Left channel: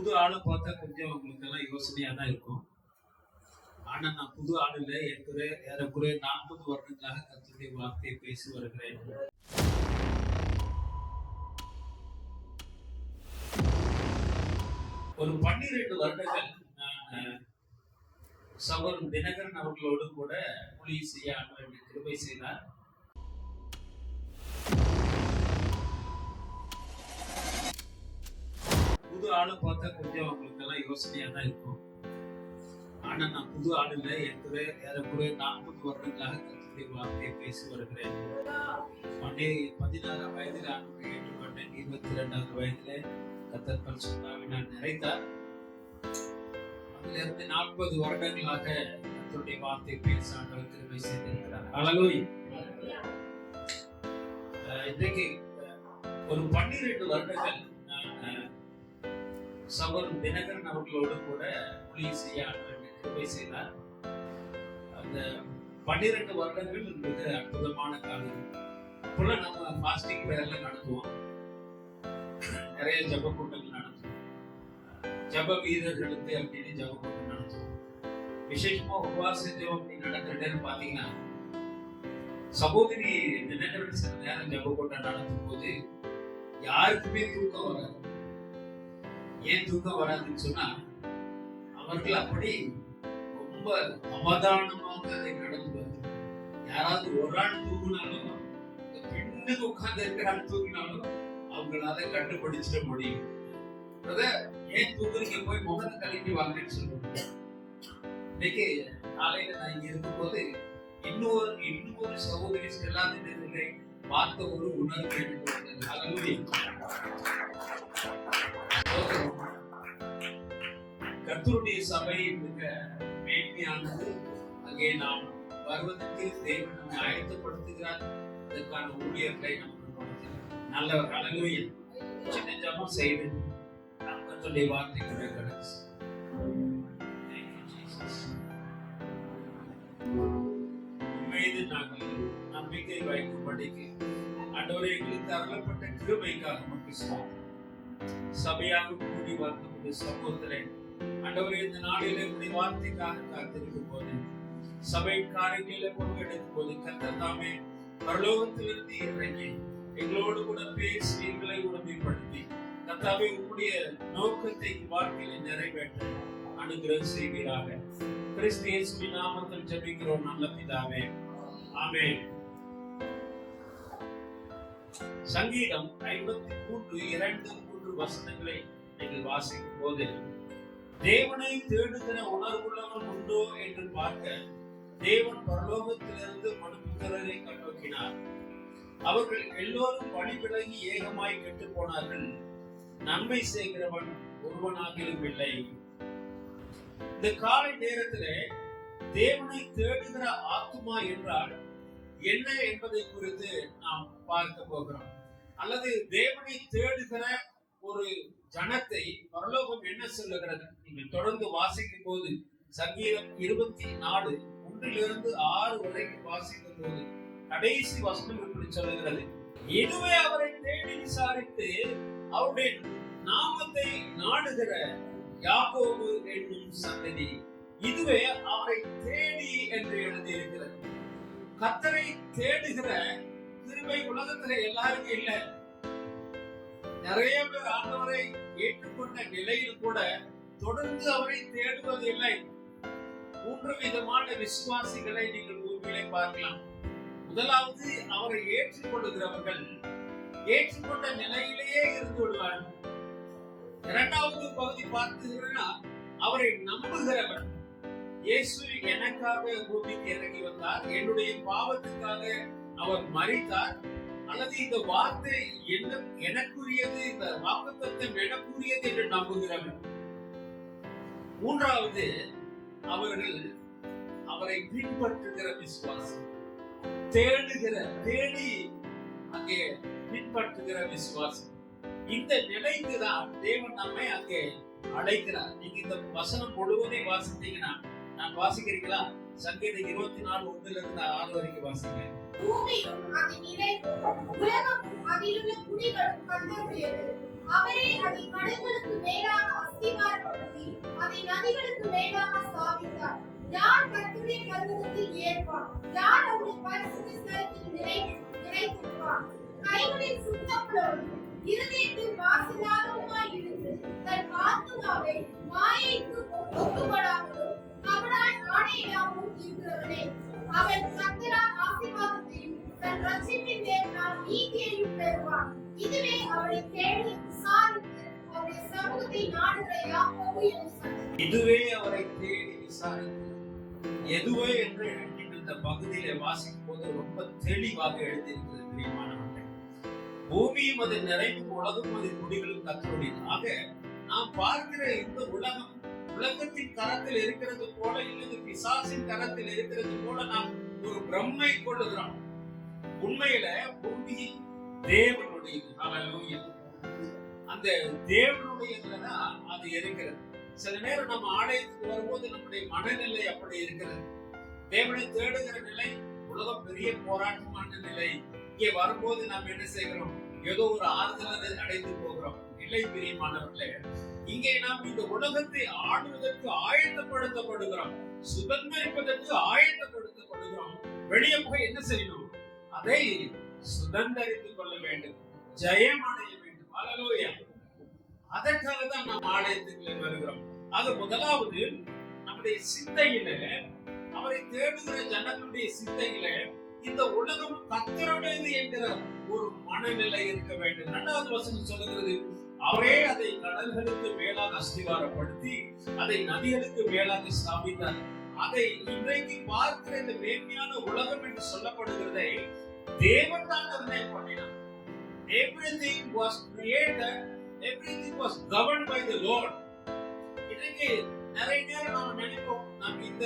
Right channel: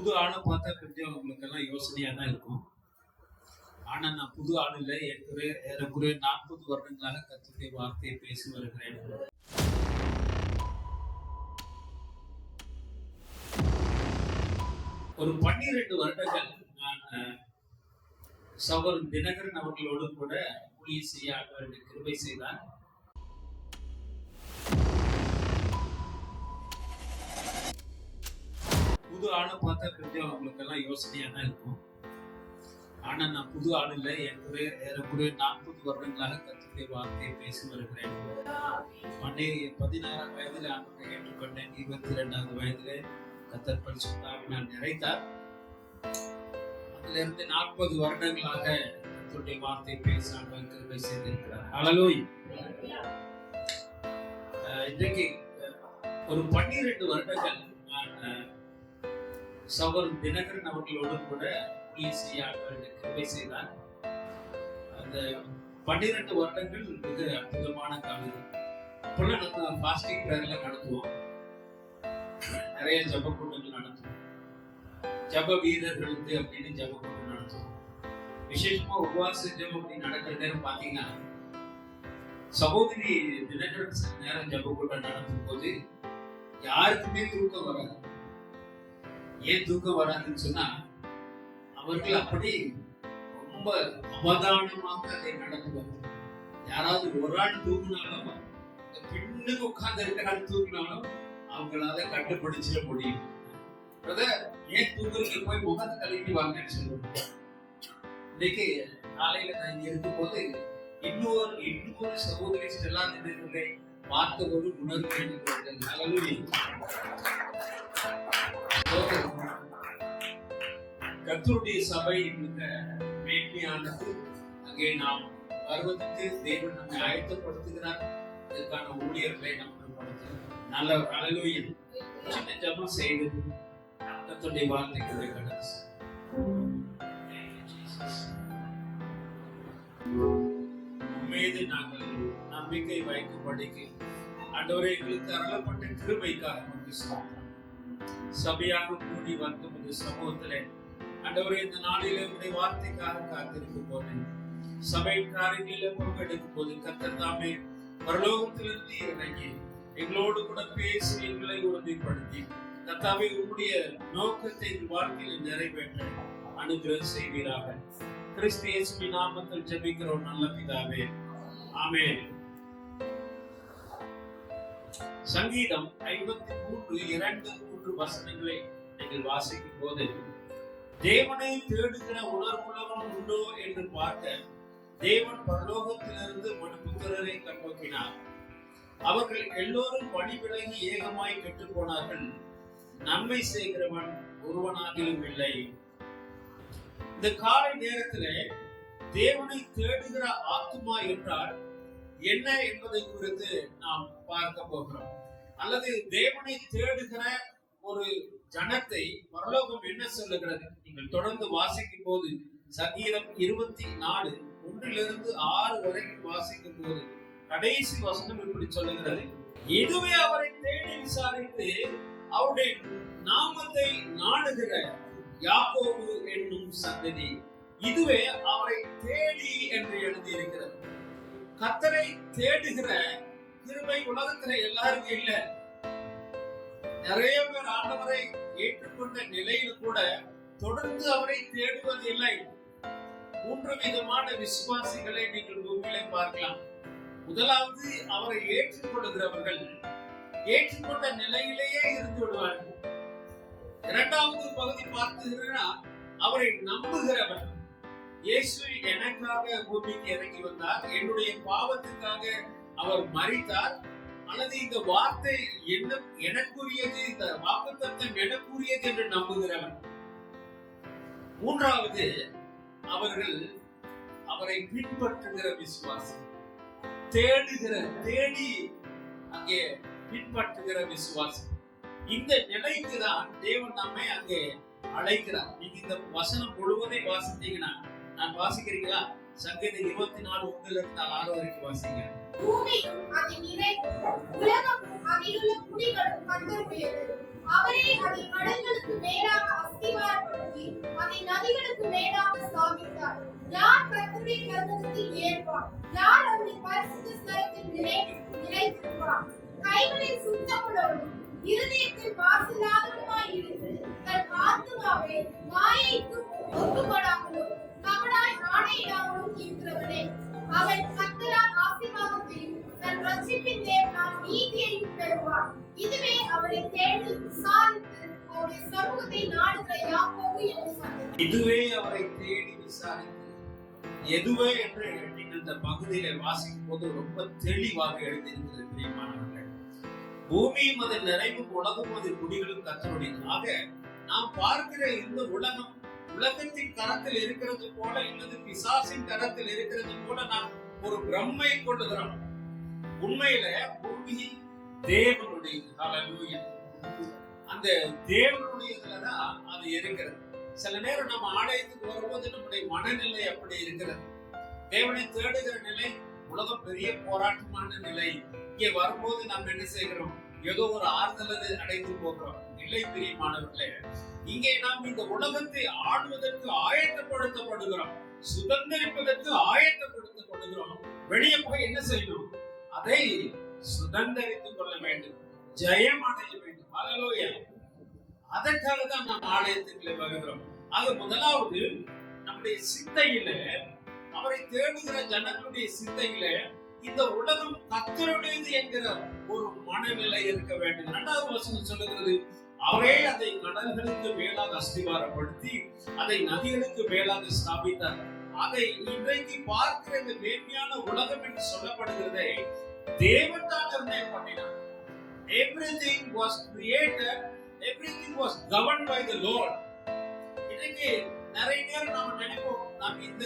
புது ஆளை பார்த்தா கொஞ்சம் உங்களுக்கு எல்லாம் யோசனையா தான் இருக்கும். ஆனா நான் புது ஆள் இல்லை. ஏறக்குறைய 40 வருடங்களாக கர்த்தருடைய வார்த்தையை பேசி வருகிறேன். ஒரு 12 வருடங்கள் நான் சகோதரன் தினகரன் அவர்களோடு கூட ஊழியம் செய்ய ஆண்டவர் கிருபை செய்தார். புது ஆளை பார்த்தா கொஞ்சம் உங்களுக்கு எல்லாம் யோசனையா தான் இருக்கும். ஆனா நான் புது ஆள் இல்லை. ஏறக்குறைய 40 வருடங்களாக கர்த்தருடைய வார்த்தையை பேசி வருகிறேன். 16 வயதில் ஆண்டவரை ஏற்றுக்கொண்டேன். 22வது வயதிலே கர்த்தர் பரிசுத்த ஆவியினால் நிறைத்தார். அதிலிருந்து 40 வருடங்களாக கர்த்தருடைய வார்த்தை பேச ஆண்டவர் கிருபை செய்திருக்கிறார். ஹல்லேலூயா. இன்றைக்கு ஒரு 12 வருடங்கள் நான் சகோதரன் தினகரன் அவர்களோடு கூட ஊழியம் செய்ய ஆண்டவர் கிருபை செய்தார். அந்த 12 வருடங்கள் மிக அற்புதமான காலம். இப்பெல்லாம் நம்ம ஃபாஸ்டிங் பிரேயர்லாம் நடத்துவோம், நிறைய ஜப கூட்டங்கள் நடத்துவோம், ஜப வீரர்களுக்கு அப்படின்னு ஜப கூட்டம் நடத்துவோம். விசேஷமா உபவாச ஜபம் அப்படி நடக்கிற நேரம் பாத்தீங்கன்னா, சகோதரி தினகரன் சில நேரம் ஜப கூட்டம் நடத்தும் போது யாருக்குமே தூக்கம் வராது. ஏன் தூக்கம் வராதுன்னு சொன்னா, அவர்கள் அப்படி ரொம்ப அவதானமாக அதை நடத்துவாங்க. யாராவது ஒரு ஆள் தூங்கினாலும், பின்னுக்கு உட்கார்ந்து இருக்கிற ஆள் தூங்கினாலும் அவங்களால கண்டுபிடிச்சிட முடியும். ஏன் தூங்குறீங்க, போய் முகத்தை கழுவி வாங்கன்னு சொல்லுவாங்க. இன்னைக்கு காலையில நான் இங்க இருக்கும் போது இன்னொரு சகோதரி ஸ்டெல்லா தினகரனை பார்த்த ஒரு உணர்வு எனக்கு வந்தது. கர்த்தருடைய சபை மிக மேன்மையானது. அங்கே நாம் வருவதற்கு தேவன் நம்மை ஆயத்தப்படுத்துகிறார். இதற்கான ஊழியர்களை நமக்கு கொடுக்கிறார். நல்லவர். ஹல்லேலூயா. சின்ன ஜெபம் செய்து கர்த்தருடைய வார்த்தைகளை கடந்து மீது நாங்கள் நம்பிக்கை வைக்கும்படிக்கு ஆண்டவரே எங்களுக்கு அருளப்பட்ட கிருபைக்காக நமக்கு ஸ்தோத்திரம். சபையாக கூடி வந்து சமூகத்திலே ஆண்டவரே இந்த நாளிலே உடைய வார்த்தைக்காக காத்திருக்கும் போது, சபை காரியங்களிலே பங்கெடுக்கும் போது கர்த்தர் தாமே பரலோகத்திலிருந்து இறங்கி எங்களோடு கூட பேசி எங்களை உறுதிப்படுத்தி கர்த்தாவே உம்முடைய நோக்கத்தை வாழ்க்கையில் நிறைவேற்ற அனுகிரகம் செய்வீராக. கிறிஸ்து இயேசுவின் நாமத்தில் ஜெபிக்கிறோம் நல்ல பிதாவே, ஆமென். சங்கீதம் 53:2-3 வசனங்களை நீங்கள் வாசிக்கும் போது, தேவனை தேடுகிற உணர்வுள்ளவன் உண்டோ என்று பார்க்க தேவன் பரலோகத்திலிருந்து மனுபுத்திரரை கண்ணோக்கினார். அவர்கள் எல்லோரும் வழி விலகி ஏகமாய் கெட்டு போனார்கள், நன்மை செய்கிறவன் ஒருவனாகிலும் இல்லை. இந்த காலை நேரத்திலே தேவனை தேடுகிற ஆத்துமா என்றால் என்ன என்பதை குறித்து நாம் பார்க்க போகிறோம். அல்லது தேவனை தேடுகிற ஒரு ஜனத்தை பரலோகம் என்ன சொல்லுகிறது? நீங்கள் தொடர்ந்து வாசிக்கும் போது சங்கீதம் 24:1-6 வரைக்கும் வாசிக்கும் போது கடைசி வசனம் இப்படி சொல்லுகிறது: இதுவே அவரை தேடி விசாரித்து அவருடைய நாமத்தை நாடுகிற யாக்கோபு என்னும் சந்ததி, இதுவே அவரை தேடி என்று எழுதியிருக்கிறது. கர்த்தரை தேடுகிற கிருபை உலகத்துல எல்லாருக்கும் இல்ல. நிறைய பேர் ஆண்டவரை ஏற்றுக்கொண்ட நிலையில் கூட தொடர்ந்து அவரை தேடுவது இல்லை. 3 விதமான விசுவாசிகளை நீங்கள் பூமியிலே பார்க்கலாம். முதலாவது, அவரை ஏற்றுக்கொள்ளுகிறவர்கள் ஏற்றுக்கொண்ட நிலையிலேயே இருந்து விடுவார்கள். இரண்டாவது பகுதி பார்த்தீங்கன்னா, அவரை நம்புகிறவர். இயேசு எனக்காக பூமிக்கு இறங்கி வந்தார், என்னுடைய பாவத்துக்காக அவர் மரித்தார், அல்லது இந்த வார்த்தை எனக்குரியது, இந்த வாக்குத்தத்தம் எனக்குரியது என்று நம்புகிறவர். மூன்றாவது, அவர்கள் அவரை பின்பற்றுகிற விசுவாசம், தேடி அங்கே பின்பற்றுகிற விசுவாசம். இந்த நிலைக்கு தான் தேவன் நம்மை அங்கே அழைக்கிறார். நீங்க இந்த வசனம் முழுவதையும் வாசித்தீங்கன்னா, நான் வாசிக்கிறீங்களா? சங்கீதம் 24:1-6 வரைக்கும் வாசிங்க. பூமியும் அதன் நிறைவும் உலகமும் அதிலுள்ள குடிகளும் கர்த்தருடையது. அவரே அதை கடல்களுக்கு மேலாக உருவாக்கி அதை நதிகளுக்கு மேலாக ஸ்தாபித்தார். யார் கர்த்தருடைய பர்வதத்தில் ஏறுவான்? யார் அவருடைய பரிசுத்த ஸ்தலத்தில் நிலைத்திருப்பான்? கைகளில் சுத்தமுள்ளவனும் இருதயத்தில் மாசில்லாதவனுமாய் இருந்து தன் ஆத்துமாவை மாயைக்கு ஒப்புக்கொடாமலும் கபடாய் ஆணையிடாமலும் இருக்கிறவனே, அவன் கர்த்தரால் ஆசீர்வாதத்தையும் தன் ரட்சிப்பின் தேவனால் நீதியையும் பெறுவான். இதுவே அவனை தேடி விசாரித்து அவருடைய சமூகத்தை நாடுகிற யாக்கோபு என்று சொன்னார். இதுவே அவரை தேடி விசாரித்து, எதுவே என்று நீங்கள் இந்த பகுதியில வாசிக்கும் போது ரொம்ப தெளிவாக எழுதியிருக்கிறது பிரியமானவர்களே. பூமியும் அது நிறைவும் உலகம் அது குடிகளும் கர்த்தருடையது. ஆக நாம் பார்க்கிற இந்த உலகம் உலகத்தின் கரத்தில் இருக்கிறது போல இல்லது பிசாசின் கரத்தில் இருக்கிறது போல நாம் ஒரு பிரம்மை கொள்ளுகிறோம். உண்மையில பூமி தேவனுடையது. ஹல்லேலூயா. அந்த தேவனுடையதுலதான் அது இருக்கிறது. சில நேரம் நம்ம ஆலயத்துக்கு வரும்போது நம்முடைய மனநிலை அப்படி இருக்கிறது. தேவனை தேடுகிற நிலை உலகம் பெரிய போராட்டமான நிலை. இங்கே வரும்போது நாம் என்ன செய்கிறோம்? ஏதோ ஒரு ஆறுதலை அடைந்து போகிறோம். இல்லை பிரியமானவர்களே, இங்கே நாம் இந்த உலகத்தை ஆளுவதற்கு ஆயத்தப்படுத்தப்படுகிறோம், சுதந்திரிப்பதற்கு ஆயத்தப்படுத்தப்படுகிறோம். வெளியே போய் என்ன செய்யணும்? அதை சுதந்திரித்துக் கொள்ள வேண்டும், ஜெயம் அடைய வேண்டும். ஹல்லேலூயா. அதற்காக தான் நாம் ஆலயத்துக்குள்ளே வருகிறோம். ஆக முதலாவது நம்முடைய சிந்தையில, அவரை தேடுகிற ஜனங்களுடைய சிந்தையில இந்த உலகம் கர்த்தருடையது என்கிற ஒரு மனநிலை இருக்க வேண்டும். இரண்டாவது வசனம் சொல்லுகிறது, அவரே அதை கடல்களுக்கு மேலாக அஸ்திவாரப்படுத்தி அதை நதிகளுக்கு மேலாக ஸ்தாபித்தார். அதை இன்றைக்கு பார்க்கிற இந்த மேன்மையான உலகம் என்று சொல்லப்படுகிறதை தேவன் தான் நிர்ணயம் பண்ணினார். Everything was created, everything was governed by the Lord. இன்னைக்கு நிறைய நேரம் நாம நினைப்போம், நாம் இந்த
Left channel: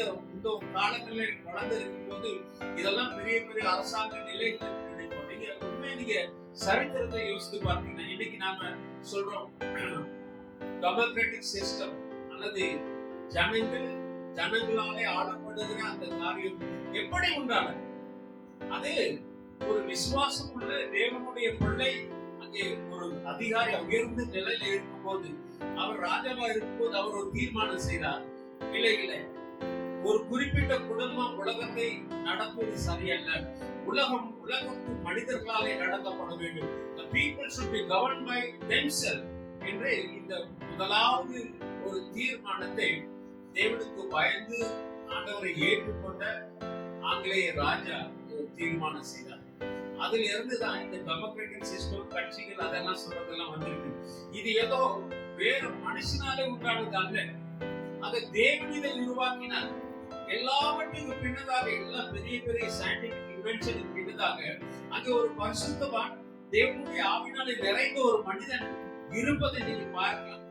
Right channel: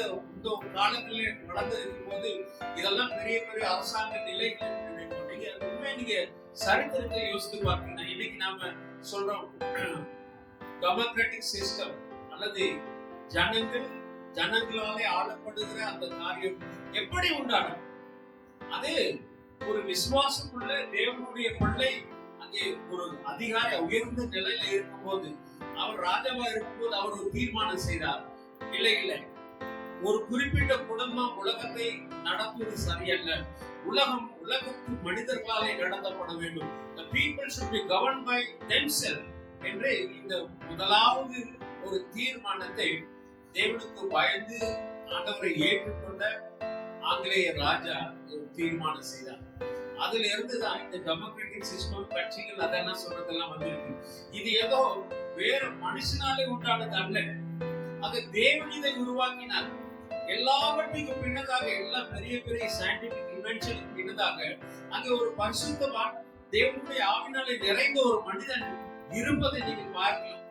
காலங்களில் வளர்ந்து இருக்கும் போது இதெல்லாம் பெரிய பெரிய அரசாங்க நிலைகள் நினைப்போம். நீங்க சரித்திரத்தை யோசித்து பார்த்தீங்கன்னா, இன்னைக்கு நாம சொல்றோம் டெமோக்ராட்டிக் சிஸ்டம் அல்லது ஜனங்களாலே ஆளப்படுகிற அந்த காரியம் எப்படி உண்டானது? அது ஒரு விசுவாசம் உள்ள தேவனுடைய பிள்ளை அங்கே ஒரு அதிகாரி உயர்ந்த நிலையில இருக்கும்போது, அவர் ராஜாவா இருக்கும்போது அவர் ஒரு தீர்மானம் செய்தார். இல்லை, ஒரு குறிப்பிட்ட குடும்பம் உலகத்தை நடத்துவது சரியல்ல, உலகத்து மனிதர்களாலே நடத்தப்பட வேண்டும். The people should be governed by themselves என்று இந்த முதலாவது ஒரு தீர்மானத்தை தேவனுக்கு பயந்து ஆண்டவரை ஏற்றுக்கொண்ட ஆங்கிலேய ராஜா ஒரு தீர்மானம் செய்தார். அதுல இருந்துதான் இந்த டெமோக்ராட்டிக் சிஸ்டம் கட்சிகள் அதெல்லாம் சொல்றதெல்லாம் வந்திருக்கு. இது ஏதோ வேற மனுஷனாலே உண்டானது அல்ல, அதை தேவன் இதை உருவாக்கினார். எல்லாவற்றுக்கும் பின்னதாக, எல்லா பெரிய பெரிய சயின்டிபிக் இன்வென்ஷனுக்கு பின்னதாக அங்கே ஒரு பரிசுத்தவான் தேவனுடைய ஆவினாலே நிறைந்த ஒரு மனிதன் இருப்பதை நீங்க பார்க்கலாம்.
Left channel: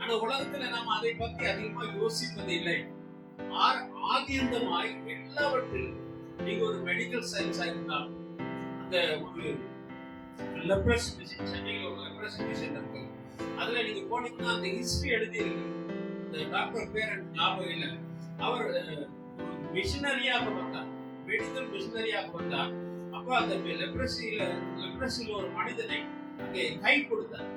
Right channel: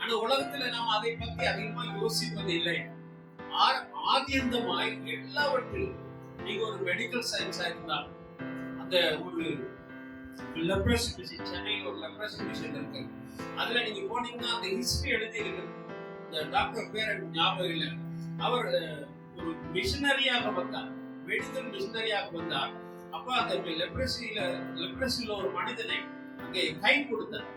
ஆனா உலகத்துல நாம் அதை பத்தி அதிகமா யோசிப்பது இல்லை. ஆதியந்தமாய் எல்லாவற்றிலும் நீங்க ஒரு மெடிக்கல் சயின்ஸா இருந்தால், அந்த ஒரு லெப்ரசி மிஷன், சென்னையில் ஒரு லெப்ரசி மிஷன் இருக்கு, அதுல நீங்க போனீங்கன்னா அந்த ஹிஸ்டரி எழுதி இருக்கு. இந்த டாக்டர் பேர் எனக்கு ஞாபகம் இல்லை. அவர் ஒரு மிஷனரியாக வந்தார், மெடிக்கல் மிஷனரியாக வந்தார். அப்ப அந்த லெப்ரசியில ஒரு மனிதனை அங்கே கை கொடுத்தார்.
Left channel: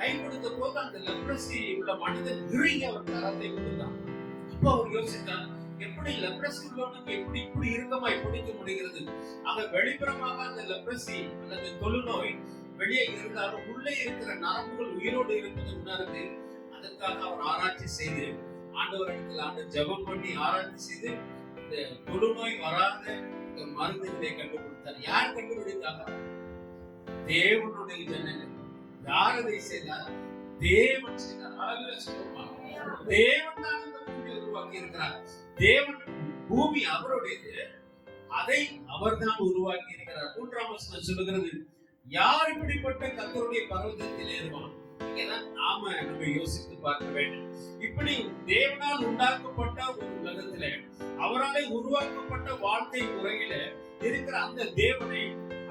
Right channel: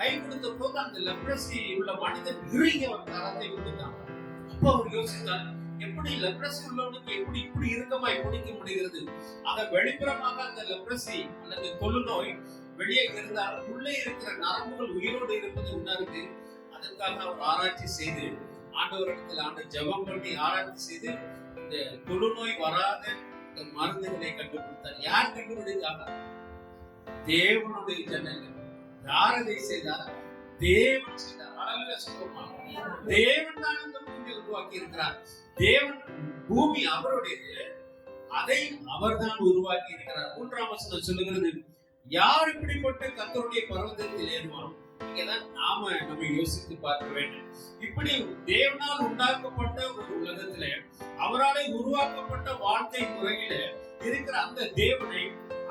கை கொடுத்த போது அந்த லெப்ரசி உள்ள மனிதன் இறுகி அவர் கரத்தை கொடுத்தார். அப்போ அவர் யோசித்தார், எப்படி லெப்ரசி உள்ளவனுக்கு எப்படி இப்படி இறுக்கமாய் பிடிக்க முடிகிறது? ஆக வெளிப்புறமாக அந்த லெப்ரசி அல்லது தொழுநோய் வெளியே இருந்தாலும் உள்ளே இருக்கிற நரம்புகள் உயிரோடு இருப்பது உணர்ந்து, அதற்காக அவர் ஆராய்ச்சி செய்து ஆண்டவரிடத்தில் ஜெபம் பண்ணி ஆராய்ச்சி செய்து இந்த தொழுநோய் வராத இந்த மருந்துகளை கண்டுபிடித்தார். யார் கண்டுபிடித்தாங்க? தேவனுடைய ஜனங்கள். யார் அதை செய்தார்? தேவன் செய்தார். ஹல்லேலூயா சொல்லுமா? தேவன் தான் இந்த பூமியை உருவாக்கி இருக்கிறார். தேவன் பூமி அவருடையது, அதை அவர்தான் உருவாக்கி இருக்கிறார். 3ஆம் வசனம் சொல்லுகிறது, யார் இப்படிப்பட்ட கர்த்தருடைய பர்வதத்தில் ஏறுவான்? இங்கதான் நம்ம யோசித்து பார்க்க வேண்டும். இப்படி தேவனால் உண்டாக்கப்பட்ட ஒரு உலகத்துல, அவராலே உருவாக்கப்பட்ட வாழ்க்கை முறையில இருக்கிற அந்த தேவனை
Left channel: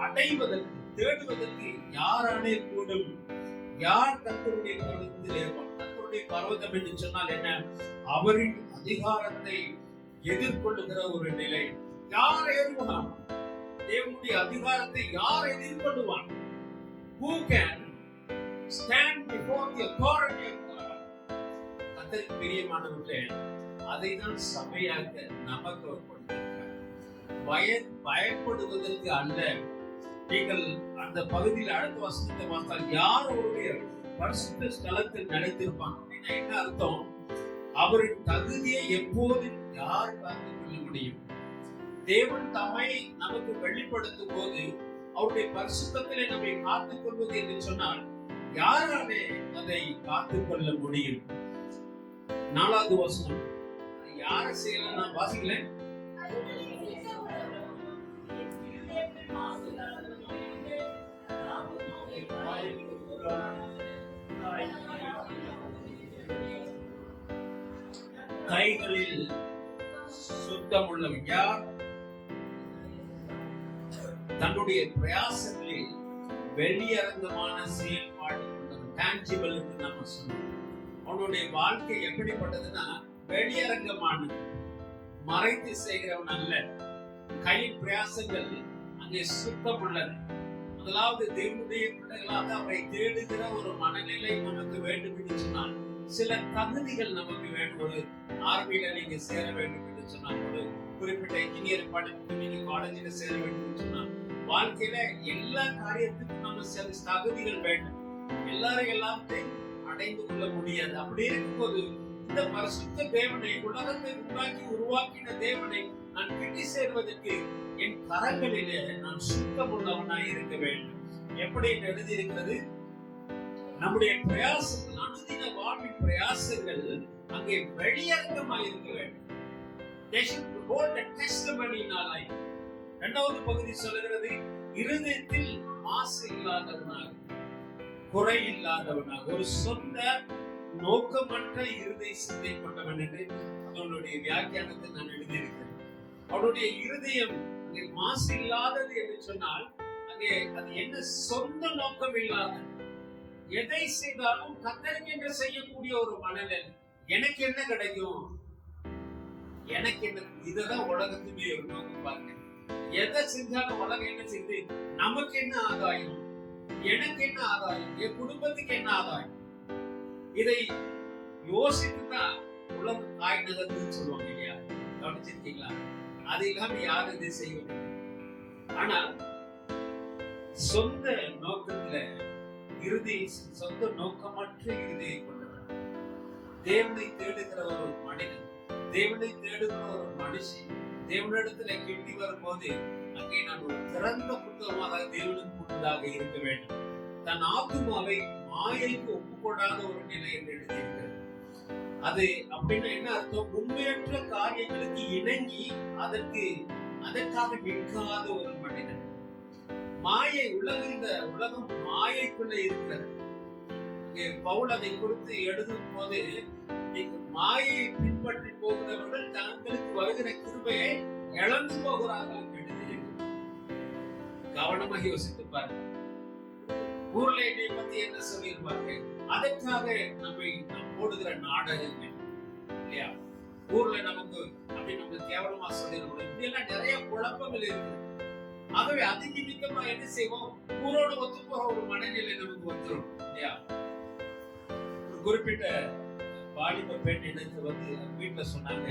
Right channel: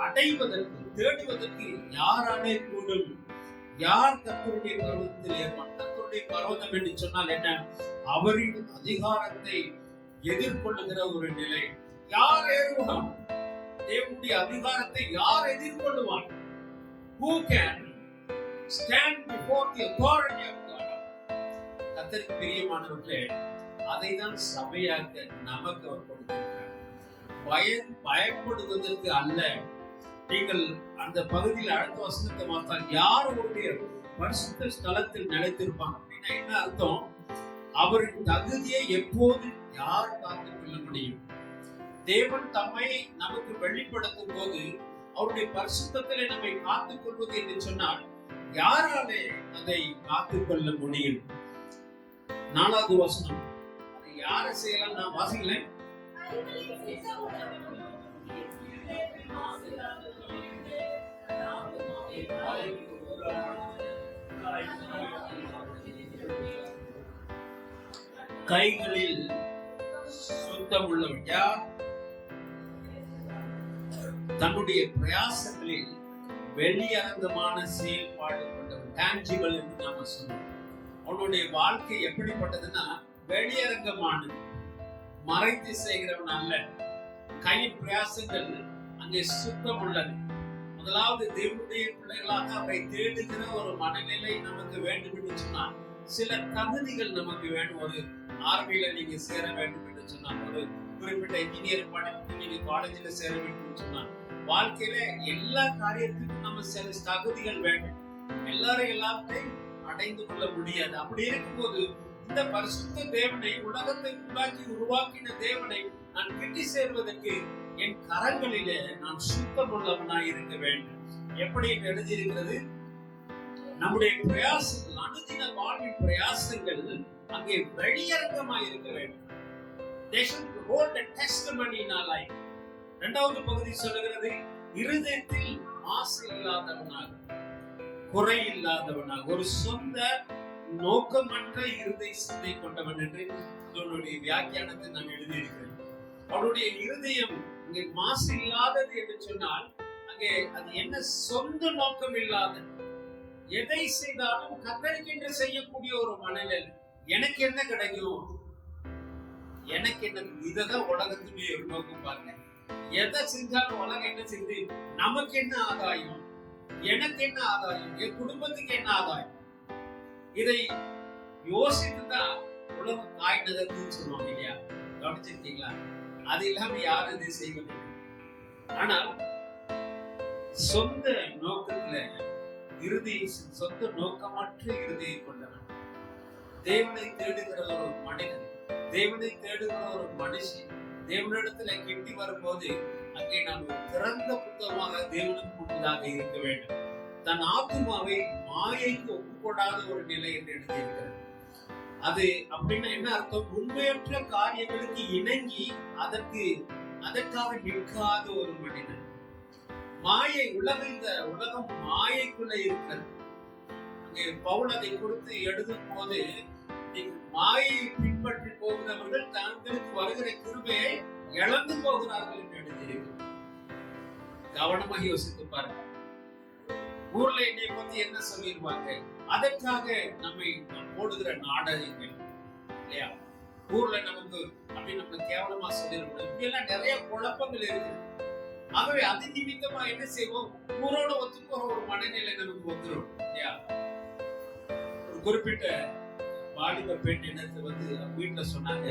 அடைவதற்கு, தேடுவதற்கு யாராலே கூடும்? யார் கர்த்தருடைய பர்வதத்தில் ஏறுவான்? கர்த்தருடைய பர்வதம் என்று சொன்னால் என்ன? அவரின் அதிகாரத்தை எதிர்கொள்ளுகிற ஒரு நிலை. யார் ஏறுவான்? தேவனுடைய அதிகாரத்தை யார் எதிர்கொள்ளுவான்? Who can stand before the authority of God? கர்த்தருக்கு பிரியமானவர்களே, அதை தான் சபையாக நமக்கு அவர் கொடுத்திருக்கிறார். பயப்படுவதற்கு அல்ல. நீங்கள் அந்த பகுதியில் அடுத்த வசனத்தை பார்த்தால், யார் அவருடைய பரிசுத்த ஸ்தலத்தில் நிலைத்திருப்பாங்க அப்படின்னா என்ன அர்த்தம்? அவரின் தகுதியை எப்போது யார் காத்துக் கொள்ள முடியும்? தேவன் தம்மை நமக்கு வெளிப்படுத்தும் போது அவருடைய பரிசுத்தத்திலே நம்மை காத்துக் கொள்வது என்று சொன்னால், யாராலே அதை காத்துக் கொள்ள முடியும்? 4வது வசனம், அது யாரை செய்யலாம்? நான் வாசிக்கிறேன். கைகளில் சுத்தம் உள்ளவன் யார்? தன்னுடைய பிரயாசங்களில் வெளியரங்கமான செயல்பாடு கொண்டவன், டான்ஜிபிள் என்று நாம சொன்னோம். அவனுடைய வாழ்க்கை எப்படிப்பட்டதுன்னா வெளியரங்கமானது, மறைத்து செய்கிறவன் அல்ல. கையின் பிரயாசங்கள் அங்கே சுத்தம் உள்ளது. முதலாவது தேவனுடைய பிள்ளைகளாக அவரை தேடுகிற ஒரு மனநிலை நமக்கு வேண்டும் என்று சொன்னால், சில தகுதிகள் நமக்கு வேணும். ஒரு ஆர்மியில நீங்க சேர வேண்டும் என்று சொன்னால், ஒரு குறிப்பிட்ட இன்ஜினியரிங் படிப்பு நீங்க காலேஜில் சேர வேண்டும் என்று சொன்னால், வாழ்க்கையில எல்லா காரியத்துக்கும் நம்ம சில தகுதிகள் வேண்டும். எல்லாரும் எல்லாத்தையும் அடைந்து கொள்ள முடியாது. அப்படி இருக்கும்போது இந்த பரிசுத்த தேவனை, உலகத்தை உருவாக்கின தேவனை நான் கிட்டி சேர்வதற்கு என் கரங்களிலே நான் சுத்தமுள்ளவனாய் இருக்க வேண்டும். எப்படி எழுதியிருக்கிறது? நம்முடைய பிரயாசங்கள், அனுதின வாழ்வின் பிரயாசங்கள் அங்கே வெளியரங்கமாய் இருக்க வேண்டும். They should hold a testimony in our life. இரண்டாவது பகுதி சொல்லுகிறது, இருதயத்தில் மாசு இல்லாதவனாக, குறை இல்லாதவனாக, ஒரு சொந்த நோக்கமற்ற இருதய சிந்தை கொண்டவன் என்று அவனுடைய வியாக்கியானத்தை நான் எழுதியிருக்கிறேன். அவருடைய இருதயம் அங்கே மாசு இல்லாதது என்று சொன்னால், அங்கே அது என்ன? சொந்த நோக்கம் இல்லாத, எதை செய்தாலும் கத்தரிக்கென்று செய்யக்கூடிய ஒரு மனநிலை. எனக்கு என்ன கிடைக்கும், எனக்கு என்ன, இததான் உலகத்துமே ஒரு நோக்கம். பாருங்க, எதை செஞ்சாலும் உலகம் என்ன செய்யுது? நமக்கு என்ன ஆதாயம், எனக்கு என்ன ஆதாயம், என் குடும்பத்துக்கு என்ன ஆதாயம்? இதை யோசித்துதான் உலகம் தாய் நகர்ந்துன்னு சொல்லுவாங்க இல்லையா? கவனிச்சிருக்கீங்களா? அது இல்லாம யாரும் இதை செய்வதில்லை. ஆனால் சொந்த நோக்கத்துல சொந்த நோக்கமற்ற இறுதியை கொண்டவன், தேவனை தேடுகிற ஒரு மனிதன், தேவனை தேடுகிற ஒரு மனுஷி தேவனிடத்துல கிட்டி வரும்போது அங்கே நான் ஒரு திறந்த புத்தகமாக தேவனுக்கு முன்பதாக இருக்க வேண்டும். தன் ஆத்துமாவை மாயைக்கு ஒப்புக்கொடாத ஒரு நிலை என்று எழுதியிருக்கிறது. அது அப்படின்னா என்ன அர்த்தம்? உண்மையற்ற காரியங்களுக்கு இணங்கி அதற்காக நிற்காத ஒரு மனிதன். மாயை, இந்த உலகம் மாயைக்குள்ள இருக்கிறது. அங்கே பவுல் அதை குறித்து எழுதும் போது, மாயை பின்பற்றி போகிறவர்கள் தங்களுக்கு வருகிற கிருபையை இழந்து போகிறார்கள் என்று எழுதியிருக்கு. கவனமாக யோசித்து பாருங்க. ஊர்ல என்னை பத்தி என்ன சொல்லிருப்பாங்க? அதற்காக நம்மை போடுகிற நாடகங்கள் இல்லையா? ஊர்ல நமக்கு அப்படி நம்ம கேவலமா சொல்லிருக்கோம். இப்படி எல்லாம் நிறைய குழப்பங்கள் இருக்குது. ஆகவே அது நிமித்தமா என்ன செய்வோம்? ஊரோட ஒத்து போற ஒரு மனநிலை நமக்கு வந்துடும் இல்லையா? ஒரு குறிப்பிட்ட வாலிப பெண் எனக்கு வீட்டுல சொன்னாங்க,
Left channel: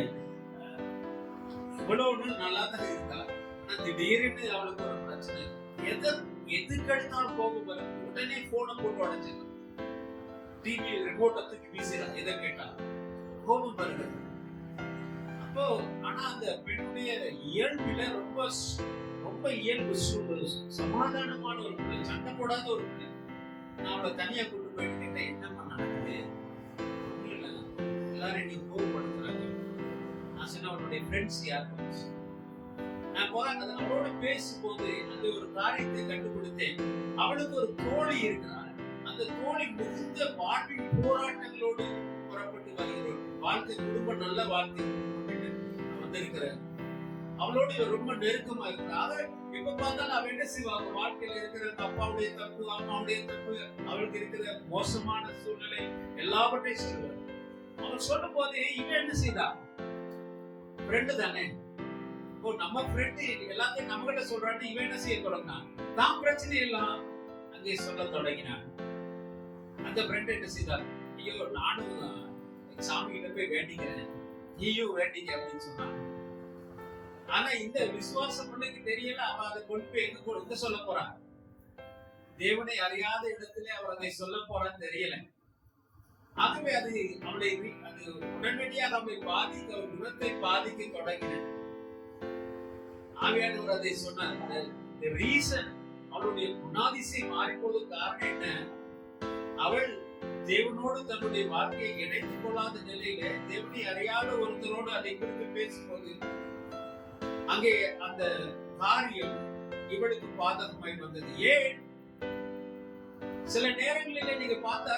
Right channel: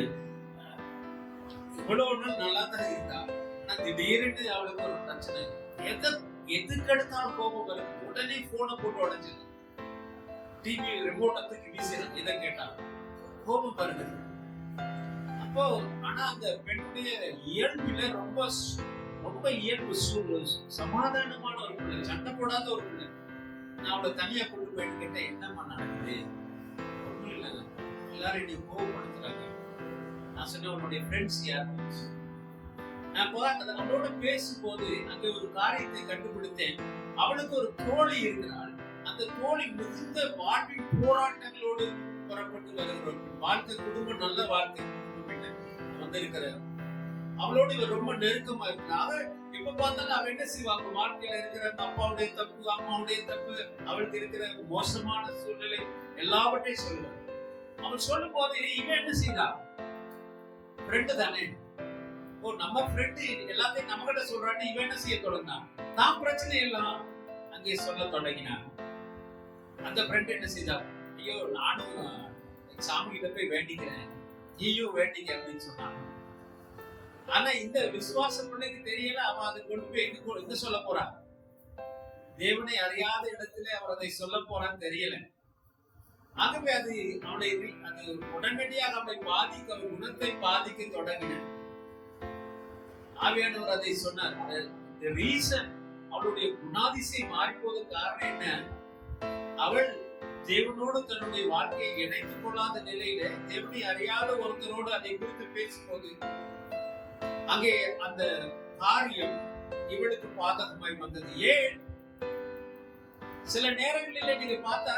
இவ்வளவு நாள் நல்லா தான் இருந்தா, ஆனா திடீர்னு அவளுக்கு ஒரு பிரச்சனை. எதுக்கு எடுத்தாலும் கோபம் வரும். உடனே போனை போட்டு உடைச்சிடலாம், டிவி ரிமோட்டை தூக்கி வீசிடலாம். எதை கேட்டாலும் கோபம் வருகிறது. அப்போ ஆனா அந்த பெண்ணுடைய இயல்பில ரொம்ப இயல்பு சமாதானமான ஒரு பிள்ளை, சண்டை போடாத ஒரு பிள்ளை. நான் அவளை தனியா கொண்டு போயிட்டு கேட்டேன், என்னம்மா நடக்குது? ஒண்ணும் இல்லை, எல்லாரும் என்னை கோபப்படுத்துறாங்க. நான் சொன்ன, உன்னுடைய ஃப்ரெண்ட்ஸ் யார்? நான் அவளோட பேசும்போது அங்க ஒரு காரியத்தை கண்டுபிடித்தேன். அவளுக்கு ஒரு தோழி இருக்கிறாள். அந்த தோழி மிகுந்த வாழ்வின் போராட்டங்களோடு புறப்பட்டு வருகிற வாழ்க்கை, குடும்பம் நல்ல வாழ்க்கை வந்திருக்கிற அவளோடு இவர் ரொம்ப நெருக்கமா இருக்கிறாங்க. இப்ப பார்த்தாலும் அவ என்ன செய்வாங்க? வாழ்க்கையில இருக்கிற அப்பாவுடைய தப்பு, அம்மாவுடைய தப்பு, அவளுக்கு இருக்கிற மோசமான சூழ்நிலை எல்லாவற்றையும் சொல்லுவார். அவன் சொல்லும் போது இவன் என்ன செய்தா? ஃப்ரெண்டு தானே, நம்ம ஃப்ரெண்டு எல்லாத்தையும் நம்ம கிட்ட சொல்றான்னு இவன் என்ன செய்ய தொடங்கினான்? தான் பிரச்சனை எல்லாம் அங்கே சொல்ல தொடங்கினான். அந்த ஃப்ரெண்ட் என்ன செய்தா? ஐயோ, நானும் சாமி கிட்ட போய் வேண்டிக்கிறேன், நீயும் வேண்டிக்க அப்படின்னு சொன்னாங்க. ஆனா இந்த விசுவாச பிள்ளைக்கு தெரியல, அவன் அதை கொண்டு போய் எங்க சொல்ல போறான்? தேவனை அறியாத இடத்துல அவர் அதை சொல்ல போறான்னு தெரியல. ஆகவே அது அவளை அது உடனடியாக அவளை பாதிக்க, அவள் குணத்தை பாதிக்க தொடங்கின. ஆவியானவர் அதை சொன்னார். The reason அவளுடைய குணாதிசயம் மாறி போது காரணம் என்ன? அவள் தேவனோடு தன்னுடைய வாழ்க்கையை இணைத்துக் கொள்ளாத நிலையில தேவனை அறியாத ஒருத்தரோடு அதை குறித்து பேசும்போது அங்கே அந்த காரியம் இவளுக்கு பாதகமாய் வந்தது. ஏன்? சில நேரங்களில நீங்க பார்த்தா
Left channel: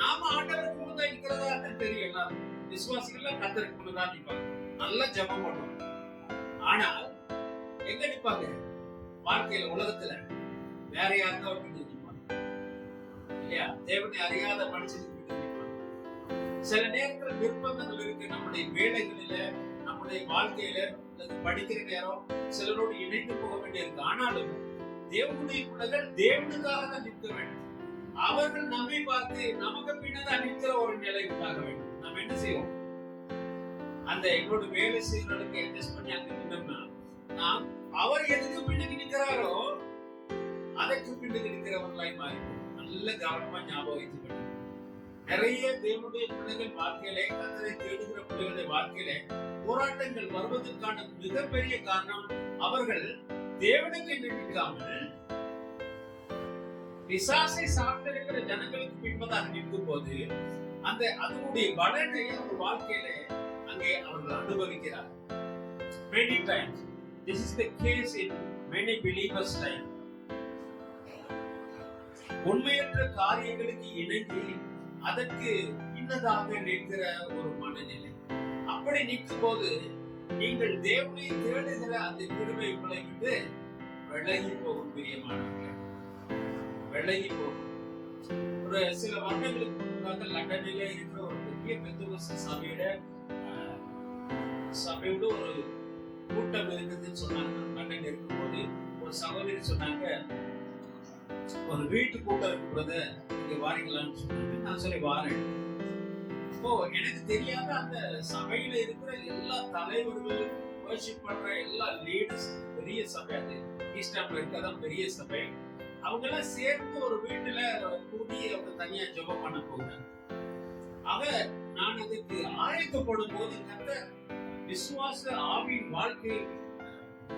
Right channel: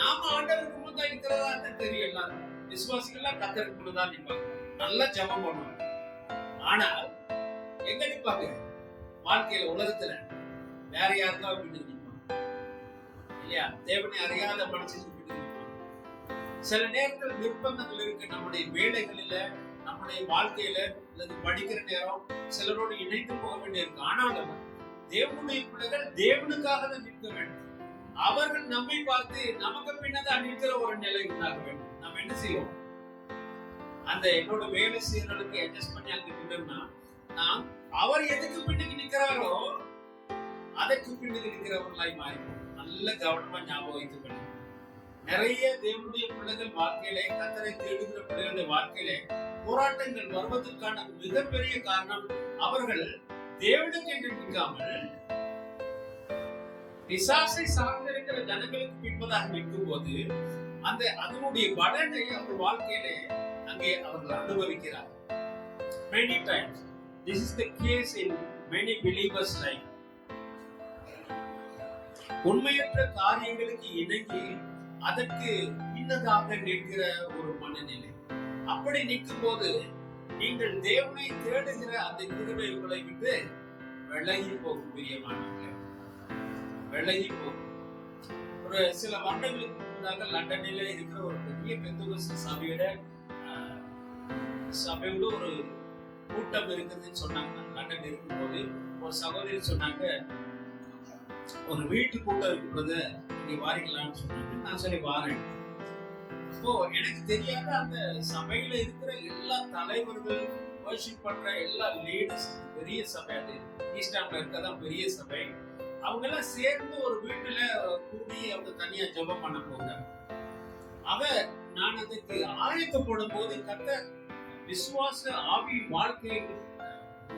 நாம ஆண்டவருக்குள்ளதான் இருக்கிறதா தெரியும். எல்லாரும் விசுவாசிகள்லாம் கத்தருக்குள்ளதான் நிற்பாங்க, நல்லா ஜெபம் பண்ணுவாங்க. ஆனால் எங்க நிற்பாங்க? வாழ்க்கையில, உலகத்துல வேற யாருக்கா அப்படின்னு நிற்பாங்க இல்லையா? தேவனை அறியாத மனுஷன் நிற்பாங்க. சில நேரத்தில் நிர்பந்தங்கள் இருக்கு நம்முடைய வேலைகளில, நம்முடைய வாழ்க்கையில, அல்லது படிக்கிற நேரம் சிலரோடு இணைந்து போக வேண்டியிருக்கு. ஆனாலும் தேவனுடைய பிள்ளைகள் தேவனுக்காக தான் நிற்க வேண்டும். அவர்கள் நம்மை பார்த்து நமக்கு பின்னதான் நிற்கிற ஒரு நிலை உண்டாக வேண்டும். நம்ம என்ன செய்வோம்? அந்த என்னோட வேலை செய்யறவர்களுக்கு அட்ஜஸ்ட் பண்ணி அங்க நின்றோம்னா, நாம் அவர் எதுக்கு பின்னுக்கு நிற்கிறாரோ அதற்கு பின்னுக்கு நிற்கிறவர்களாய் மாறிப்போம். நல்ல கவனமா ஞாபகம் வைத்துக் கொள்ளுங்க. நிறைய தேவனுடைய பிள்ளைகள் வாழ்க்கையில, கர்த்தரை தேடுகிற பிள்ளைகளுடைய வாழ்க்கையில போராட்டங்கள் வருவதற்கான மிகப்பெரிய காரணம் அவர்கள் தேவனுக்கு என்று நிற்காமல் பிசாசை சார்ந்திருக்கிற ஜனங்களுக்கு பின்பதாக நிற்கும் போது அந்த அதனுடைய பலனை அவர் வாழ்க்கையில அங்கே அவர்கள் அனுபவிக்கிறார். Many times this is the case in many believers' life. உண்மையற்ற காரியங்களுக்கு இணங்கி அதற்கு இன்னதாக நிற்கிற ஒரு மனநிலை. அப்படி நிற்கும் போது நீங்கள் தேவனை தேடுகிற அந்த கிருபை உங்களை விட்டு விலகி போகும். பிரியமானவர்களே, விலகி போகும். ஒரு சில வருடங்களுக்கு முன்னாக லண்டனில இருக்கிற ஒரு பெரிய பெந்தகோஸ்து சபையோட ஒரு கூட்டம் இருக்குதுன்னு சொன்னாங்க. லண்டன் இருக்கும்போது ஒரு சகோதரி சொன்னாங்க, ஒரு வீட்டு கூட்டம் இருக்கிறது, இங்க வாரிக்கலாம்னு சொன்னாங்க. நான் சரி வாரேன். இப்போ எனக்கு தெரியாத அந்த சபையில இருக்கிற எல்லா தலைவர்கள், வர்ஷிப் பண்ற எல்லா லீடர்ஸ், பெரிய சபை, அது ஈஸ்டாம்ல இருக்கதான் பெரிய சபை, அவங்க எல்லாம் சேர்ந்து ஒரு வீட்டுல கூடி அவங்க தனியா ஜெபம் பண்ண போகிறாங்க. நான் அதுக்கு ஆயத்தப்படும் போது கர்த்தர் விசுவாச ஆவி வாழ்க்கை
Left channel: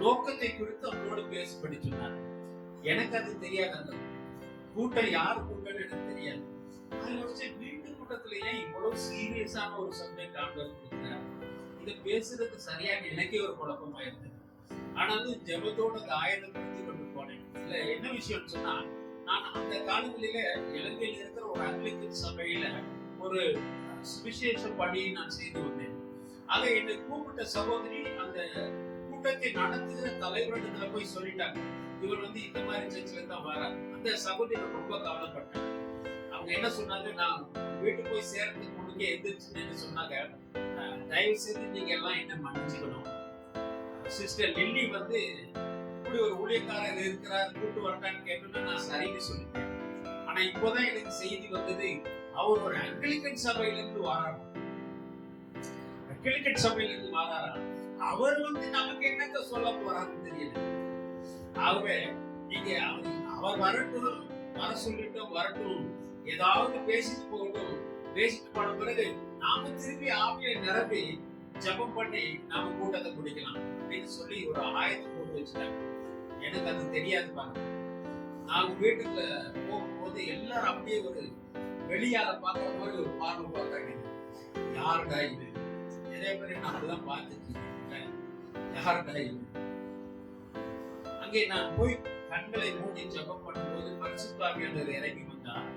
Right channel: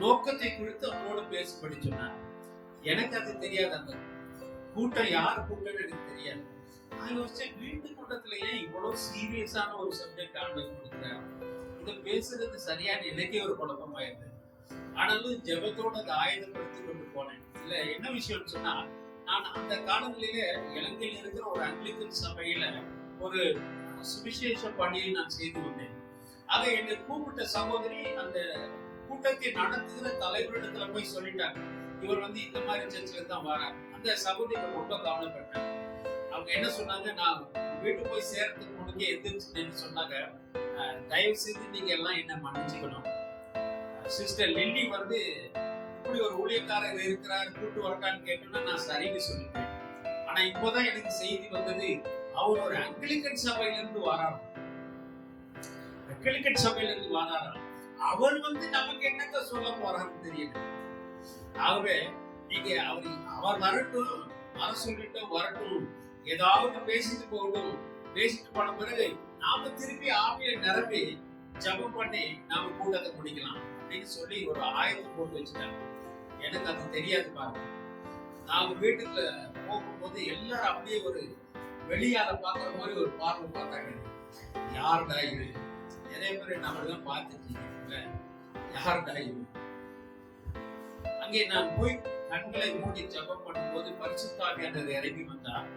நோக்கத்தை குறித்து அவங்களோட பேசப்படி சொன்னார். எனக்கு அது தெரியாது. அந்த கூட்டம் யார் கூட்டம்னு எனக்கு தெரியாது. நான் யோசிச்சேன், வீட்டு கூட்டத்துல ஏன் இவ்வளவு சீரியஸான ஒரு சப்ஜெக்ட் ஆண்டவர் கொடுக்கிறார்? இதை பேசுறது சரியான எனக்கே ஒரு குழப்பமாயிருந்தது. ஆனாலும் ஜெபத்தோட அதை ஆயுதப்படுத்தி கொண்டு போனேன். இல்ல என்ன விஷயம்னு சொன்னா, நான் அந்த காலங்களில இலங்கையில் இருக்கிற ஒரு ஆங்கிலிக்கன் சபையில ஒரு சுவிசேஷ பணியை நான் செய்து வந்தேன். ஆக என்னை கூப்பிட்ட சகோதரி அந்த கூட்டத்தை நடத்துகிற தலைவரிடத்துல போய் சொல்லிட்டாங்க, இவர் இந்த மாதிரி சர்ச்சில தான் வரார். அந்த சகோதரி ரொம்ப கவலைப்பட்டேன். அவங்க என்ன சொன்னாங்க, நான் வீட்டுக்கு போய் சேர்றதுக்கு முன்னுக்கே எந்திரிச்சு சொன்னாங்க, தயவு செய்து நீங்க எல்லாம் என்ன மன்னிச்சுக்கணும். சிஸ்டர் லில்லி இப்படி ஒரு ஊழியக்காரர் இருக்கிறார், கூட்டு வரட்டான்னு கேட்டோம்னா நான் சரின்னு சொல்லிட்டேன். ஆனா இப்போதான் எனக்கு செய்தி வந்தது, அவர் ஒரு ஆங்கிலிக்கன் சபையில இருந்து வராராம். ஆங்கிலிக்கன் சபையில இருந்து வராராம். அவர் நமக்கு என்னத்த சொல்ல போறாருன்னு தெரியல. ஆகவே நீங்க அவர் வரட்டும், வர சொல்லிட்டோம், வரட்டும், ஏதாவது பேசிட்டு போகட்டும். பேசிட்டு போன பிறகு நாம திருப்பி ஆவியை நிரப்பி ஜெபம் பண்ணி நாம கூட்டத்தை முடிக்கலாம் அப்படின்னு சொல்லி ஒரு ஆயத்தை போட்டு வச்சுட்டாங்க. எனக்கு அது தெரியாது பாருங்க. நாங்க வீட்டுக்குள்ள போகும்போது எல்லாரும் அப்படியே ஒரு வெளியால பாக்குற மாதிரி ஒரு பார்வை பார்த்தாங்க. யாருடா இது? நிறைய பேர் நம்மதான் பார்த்துட்டு யாருடா இது? அங்கே நான் போய் கண்களை மூடி ஜெபம் பண்ணும்போது பரிசுத்த ஆவியானவர் இறங்கி வந்தார்.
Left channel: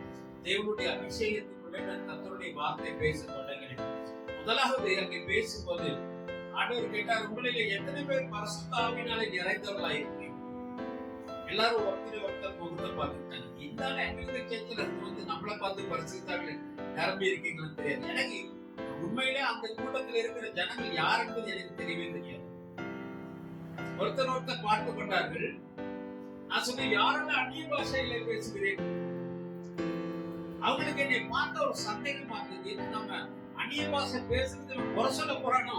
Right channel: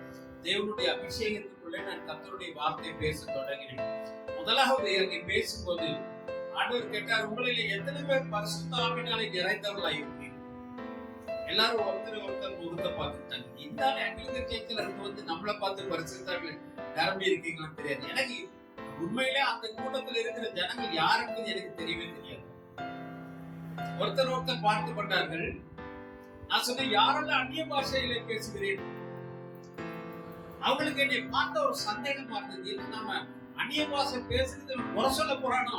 தேவனுடைய அபிஷேகத்துக்குள்ளே நான் கர்த்தருடைய வார்த்தை பேச தொடங்கினேன். முதலாவது அங்கே பேசும்போது ஆண்டவர் கேட்டார், உங்களிலே எத்தனை பேர் பரிசுத்த ஆவியினாலே நிறைந்தவர்களா இருக்கீங்க? எல்லாரும் ஒருத்தர் முகத்தை பார்த்துட்டாங்க. இந்த ஆங்கிலிக்கன் சர்ச்சில் நம்மளை பார்த்து பரிசுத்த ஆவியில நிரம்பி இருக்கீங்களான்னு தெரியாது. எனக்கு உண்மையிலே அந்த கூட்டத்தில் இருக்கிற ஜனங்கள் யார் என்பது எனக்கு தெரியவே தெரியாது. ஒருத்தர் பார்த்து கொண்டார்கள். நான் சொன்னேன், யாரெல்லாம் அந்நிய பாஷையில பேசுகிறேன்? அவங்களுக்கு என்னை பார்த்த ஒரு சந்தேகமா இருந்தது. நம்ம அந்நிய பாஷை பேசுறது குறை சொல்ல போறானோ?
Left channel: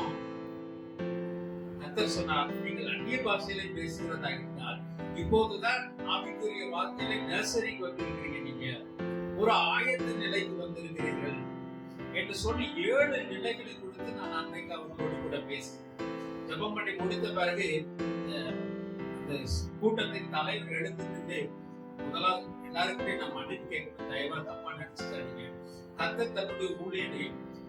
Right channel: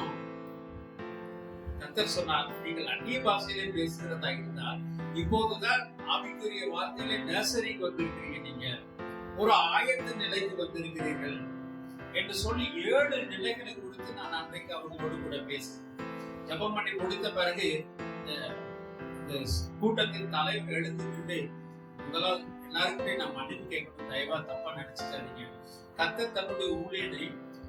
கர்த்தர் சொன்னார், நீங்கள் அந்நிய பாஷையிலே பேசுகிறதா இருந்தால் இப்போதுதான் ஆவிக்குரிய வார்த்தையிலே நர்சரிக்கு வந்திருக்கிறீங்க, நீங்க ஒரு ஆயத்த நிலைக்கு வந்திருக்கிறீர்கள் என்று சொல்லி 7 நிலைகளை கொடுத்து நான் அன்றைக்கு அவர்களோடு கூட பேசினேன். ஜெபம் பண்ணி முடித்த பிறகு இந்த கூட்டத்தின் தலைவர் எழுந்துட்டு, முதலாவது எல்லாருக்குமே நான் மன்னிப்பு கேட்கணும், தயவா தப்பா நினைச்சுக்காதீங்க. கர்த்தர் தன்னுடைய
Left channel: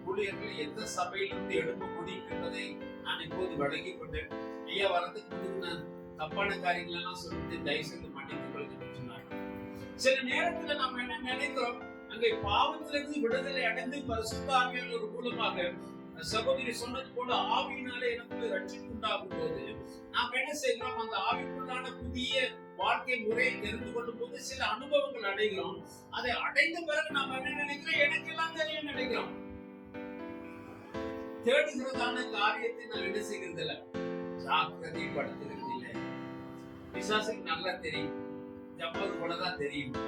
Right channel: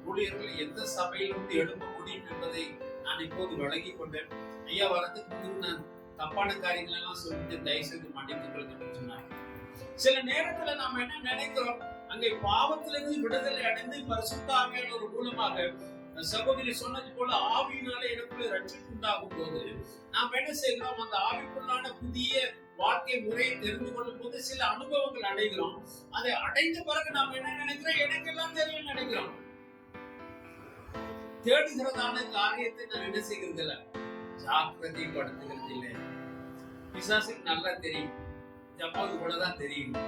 ஊழியர்களை எந்த சபையிலிருந்து எழுப்ப முடியும் என்பதை நான் இப்போது விளங்கி கொண்டேன். ஐயா வரதுக்கு முன்பு நான் தப்பான காரியங்கள் எல்லாம் சொல்லிட்டு தயவு செய்து மன்னித்துக் கொள்ளுங்கன்னு சொன்னாங்க. சில நேரத்துல நாம என்ன நினைக்கிறோம், அங்கே பாவத்திலிருந்து விடுதலை அடைந்து பரிசுத்த ஆவியானவர் மூலமாக சகோதரி சொன்னது போல ஆவியினாலே எனக்குள்ள ரட்சிப்பு உண்டாகும் போது நாம் என்ன செய்கிறோம், அந்த ஆவிக்குள்ளான புதிய வாழ்க்கை முறையை தெரிந்து கொள்ளும் போது சில அனுபவங்கள் அடைகிறோம். அதை அடைந்த பிறகு நாம் என்ன நினைக்கிறோம், எனக்கெல்லாம் தெரியும் நினைக்கிறோம். தேடுகிறதான காரியத்தை நான் என்ன செய்கிறது இல்ல, ஜாக்கிரதைப்படுத்துகிறது இல்லை. பிசாசுக்கு நல்லா தெரியும், ஜப்பாவுக்கு கூட தான் தெரியும்.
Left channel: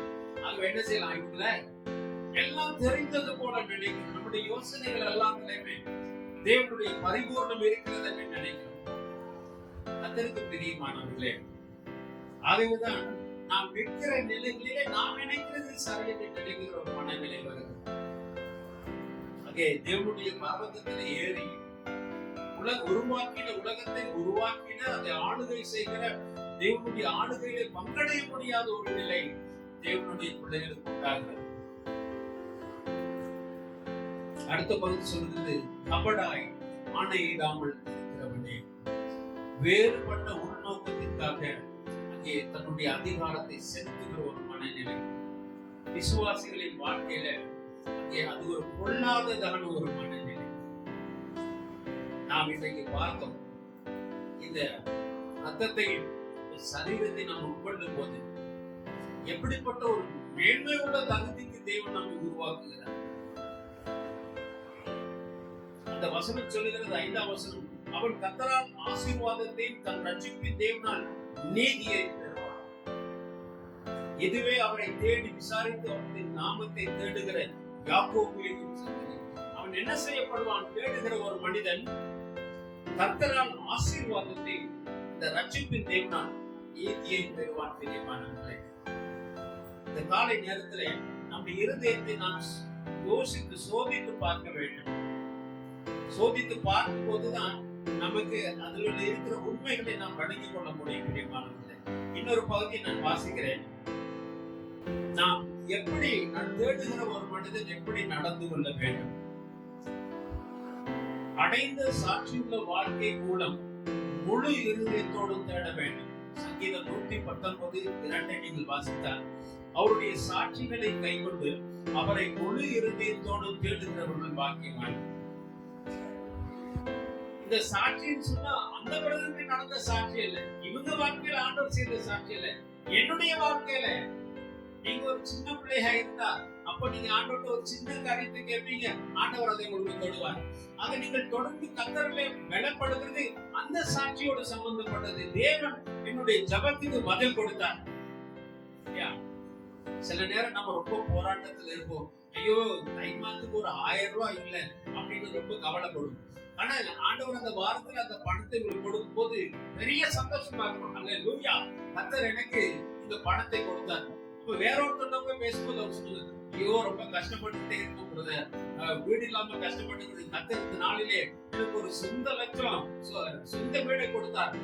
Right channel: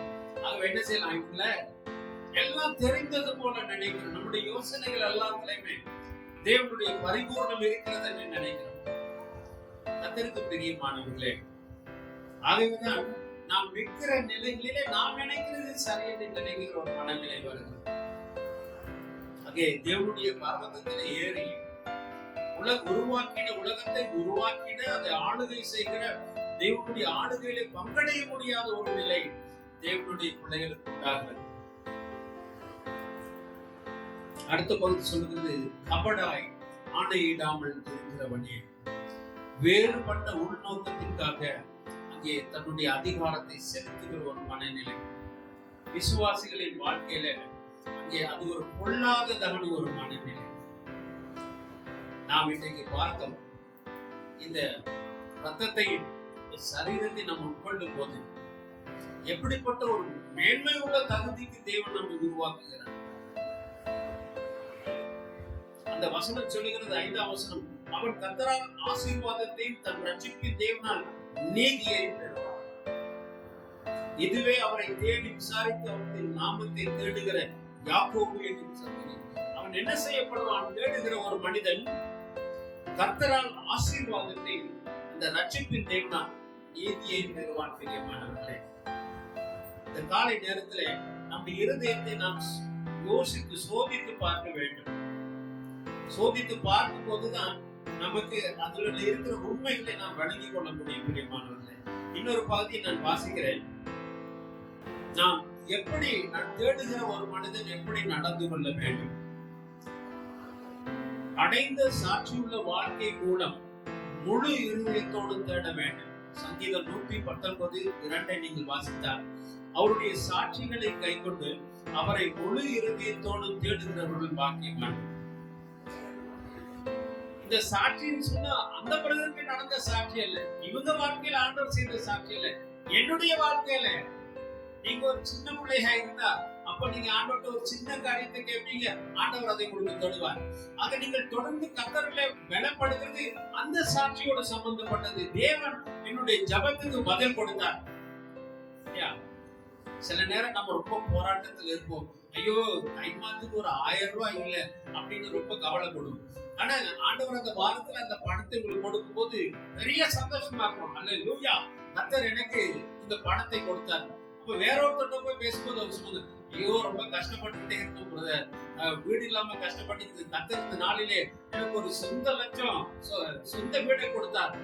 ஆக என்ன செய்யலாம், இவங்கள எல்லாம் தெரிந்தது போல நினைக்கிறோம். நம்முடைய யோசனைகள் எல்லாத்துலயுமே தேவனுடைய பரிபூர்ணம் இருக்கிறது என்று நினைக்கிறோம். கர்த்தருக்கு பிரியமானவர்களே, ஆகவேதான் நாம் நிற்கிற நிலைகளிலே நாம் நினைக்கிறது சரியென்று நினைக்கிற ஒரு மனநிலை வருகிறது. தேவனுடைய பர்வதத்தில் ஏறி உலகத்தை உருவாக்கின அதை ஆளுகை செய்கிற தேவனுடைய ஆளுகையிலே பங்கடைய முடியாத ஒரு நிலை தேவனுடைய பிள்ளைகளுக்கு உண்டாகிறது. அடுத்த பகுதி சொல்கிறது, கபடாய் ஆணையிடாமல் இருக்கிறவனே. வேறுபட்ட உள்நோக்கத்திற்காக அங்கே தன்னுடைய அதிகாரத்தை செலுத்துகிற ஒரு மனநிலை விசுவாசிகளின் வாழ்க்கையில அங்கே அது ஒரு பொல்லாததான ஒரு மனநிலை. நாம் இன்றைக்கு பார்த்தோம், இந்த ரத்தத்தை சரீரத்தை நாம் உட்கொள்ளும் போது எப்படிப்பட்ட ஒரு மேன்மை உள்ள தகுதிக்கு தேவன் நம்மை உருவாக்குகிறார். அந்த வசனம் சொல்லுகிறது, 5ஆம் வசனம், அவன் கர்த்தரால் ஆசீர்வாதத்தையும் தன் ரட்சிப்பின் தேவனால் நீதியை பெறுவார். இதுவே அவரை தேடி விசாரித்து அவருடைய நாமத்தை தேடுகிற யாக்கோபு என்னும் சந்ததி. அவன் என்ன செய்யப்படுவான், தேடுகிற ஒரு மனிதன் கர்த்தரால் ஆசீர்வாதத்தை இந்த ரட்சிப்பின் தேவனால் நீதியை பெறுவான். பிரியமானவர்களே, இந்த காலை நேரத்திலே நம்முடைய இருதயத்தை நாம் யோசித்து சோதித்து பார்க்க வேண்டும். சோதித்து பார்க்கும் போதுதான் நமக்கு அதில் இருக்கிற உண்மைகளை நாம் வழங்கிக் கொள்ள முடியும். பிரியமானவர்களே, இன்னொரு பகுதியை நான் வாசிக்கிறேன். நாம் எப்படி நான் தேடுகிற ஒரு மனிதன் எப்படி நடந்து கொள்ள வேண்டும். அடைந்த சாட்சியுள்ள வாழ்க்கை மூலம் முழு இருதயத்தோடு தேட வேண்டும். சங்கீதம் 119:2 நீங்கள் வாசித்தால், அவருடைய சாட்சிகளை கைக்கொண்டு அவரை முழு இருதயத்தோடு தேடுகிறவர்கள் பாக்கியவான். இந்த சாட்சின்னு சொன்னா அந்த பிரதருக்கு நடந்த சாட்சி அல்ல, இவங்க வாழ்க்கையில ஆண்டவர் செய்த சாட்சி அல்ல, என்னுடைய வாழ்க்கையில. நீங்க ஒரு சின்ன பிள்ளையா இருந்தா அப்ப நீங்க ஆண்டவர்கிட்ட ஒரு சின்ன காரியத்தை கேட்பீங்க, ஆண்டவர் அதை உங்களுக்கு தொடுவார். ஆக நீங்கள் தொடர்ந்து கர்த்தரிலே பலப்படுத்துறது அந்த சாட்சியோட சம்பந்தப்பட்டது. தேவன் என்னுடைய ஜெபத்துக்கு பதில் கொடுத்தார். சில நேரம் நம்ம ரொம்ப போராட்டத்தில் இருப்போம். ஐயோ, தைமாத்துக்கு ஒரு 1000 ரூபாய் இல்லை அப்படின்னு ரொம்ப கவலைப்படுவோம். ஆனா ஆண்டவர் அந்த வாரத்துல அந்த பணத்தை உங்களுக்கு கொடுக்கும் போது பெரிய சந்தோஷமா இருக்கும். அல்லேலூயா, கர்த்தர் எனக்கு இந்த பணத்தை கொடுத்தார். இப்ப வேற ஒருத்தர் போய் பேசும்போது அவர் சொல்லுது, ஐயோ ரொம்ப கஷ்டப்பட்டுட்டே இருக்கும் பிரதர், வீடு இல்லாம கஷ்டப்பட்டு கர்த்தர் இந்த நாளிலே எனக்கு ஒரு சொந்த லட்சம் சொந்த வீடை கொடுத்தார்,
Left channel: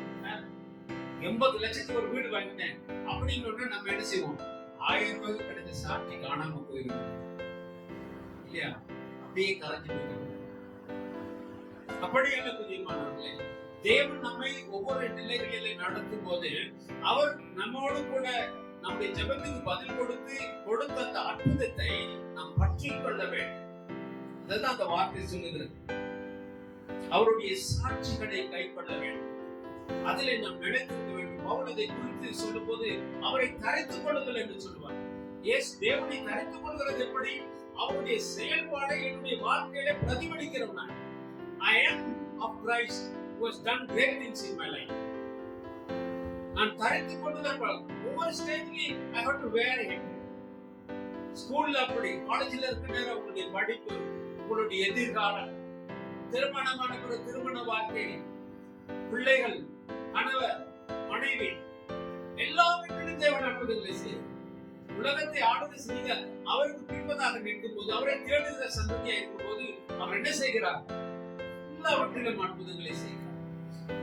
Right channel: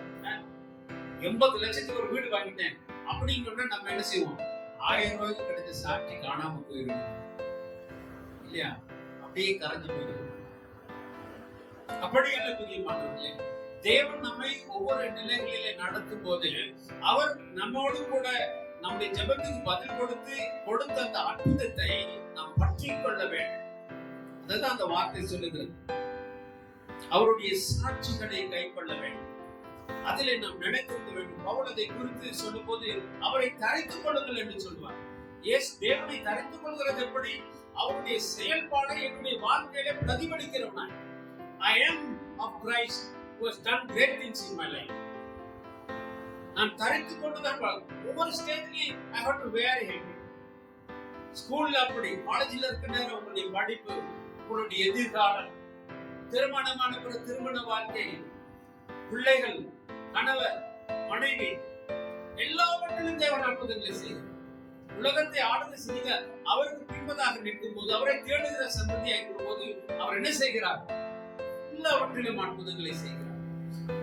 80 லட்சத்துக்கு ஒரு வீடு வாங்கிட்டேன் அப்படின்னு நம்ம என்ன செய்வோம், 1000 ரூபாய்க்கு கிடைச்ச சாட்சி காணாம போயிடும் இல்லையா, அப்படியே கரைஞ்சு போயிடும். அப்படியல்ல பிரியமானவர்களே, தேவன் நம்மை ஒவ்வொரு நிலைகளிலே நடத்தும் போது அவர் நம்மோடு கூட நம்முடைய ஜெபத்துக்கு பதில் கொடுத்த அந்த அற்புதத்தை நாம் பற்றி கொள்ள வேண்டும். அதுதான் அந்த வார்த்தை சொல்லுகிறது. அவருடைய சாட்சிகளை கைக்கொள்ள வேண்டும், அதிலே நாம் நினைத்திருக்க வேண்டும். பவுல் அதை குறித்து சொல்லும் போது அவரை தரித்துக் கொள்ளுங்கள் என்று சொல்லுவார். தேவனை தரித்துக் கொள்கிறது எப்படி, அவருடைய செயல்பாடை என்னுடைய வாழ்க்கையில பிரதிபலிக்கிறவன். I am of Christ who has done great things in my life. நான் தரித்துக் கொண்டுதான் ஒவ்வொரு ஸ்டேஜ்லயும் I have to wear him. ஸ்கூல்ல அப்படி, காலேஜ்ல இருக்க நேரம் உங்களுடைய படிப்பு, உங்களுடைய எதிர்காலம், திருமணமான பிற திருமண வாழ்க்கை, பிள்ளைகள், கணவர், மனைவி, எல்லாவற்றிலும் தேவன் அற்புதங்களை செய்கிறார். உலகத்தை ஆளுகை செய்த அவருக்கு பின்பதாக நிற்கும் போது, அவரை தேடுகிற சந்ததியாக இருக்கும் போது அவர் என்ன செய்கிறார்? எல்லாவற்றிலும் அற்புதங்களை செய்கிறார்.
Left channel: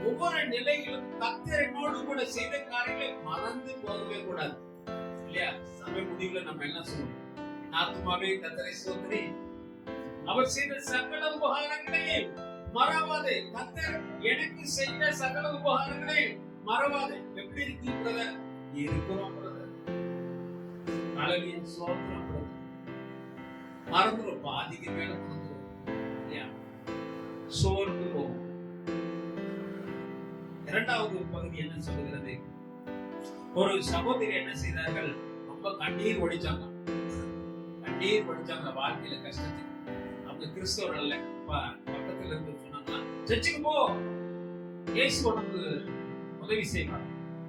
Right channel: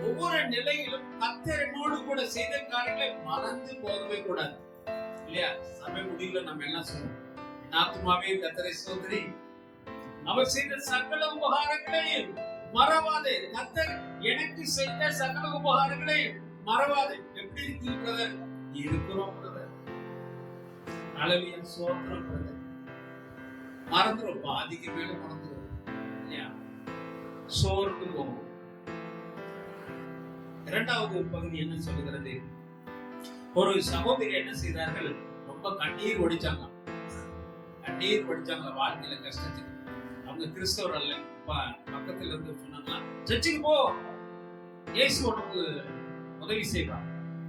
ஒவ்வொரு நிலையிலும் கர்த்தர் என்னோடு கூட செய்த காரியங்களை மறந்து போகவே கூடாது இல்லையா? சபை முடிவுல நம்ம என்ன சொல்லுவோம்? ஆத்துமாவே கர்த்தரை ஸ்தோத்திரி, அவர் செய்த சகல உபகாரங்களையும் மறவாதே. கர்த்தர் எனக்கு செய்த சகல உபகாரங்களையும் மறவாதே. எப்படி இருக்கீங்க பிரதர்? இருக்கிறோம் பிரதர். ஹல்லேலூயா, ஸ்தோத்திரம் பிரதர். மறந்துடும், பாதிக்கு மேல மறந்துடும் இல்லையா? சோர்ந்து போகும். இரண்டாவது பகுதி என்ன சொல்லுகிறது? ஒரு சகோதரி என்ன செய்தார்கள்? ரொம்ப கண்ணீர் வடிச்சாங்க. கண்ணீர் வடிச்சாங்க வாழ்க்கையில கஷ்டத்துக்கு. அவங்க கிறிஸ்தவர் அல்ல. பக்கத்துல இருந்து சொன்னாங்க, சர்ச்சுக்கு போ, இயேசு உனக்கு உதவி செய்வார்.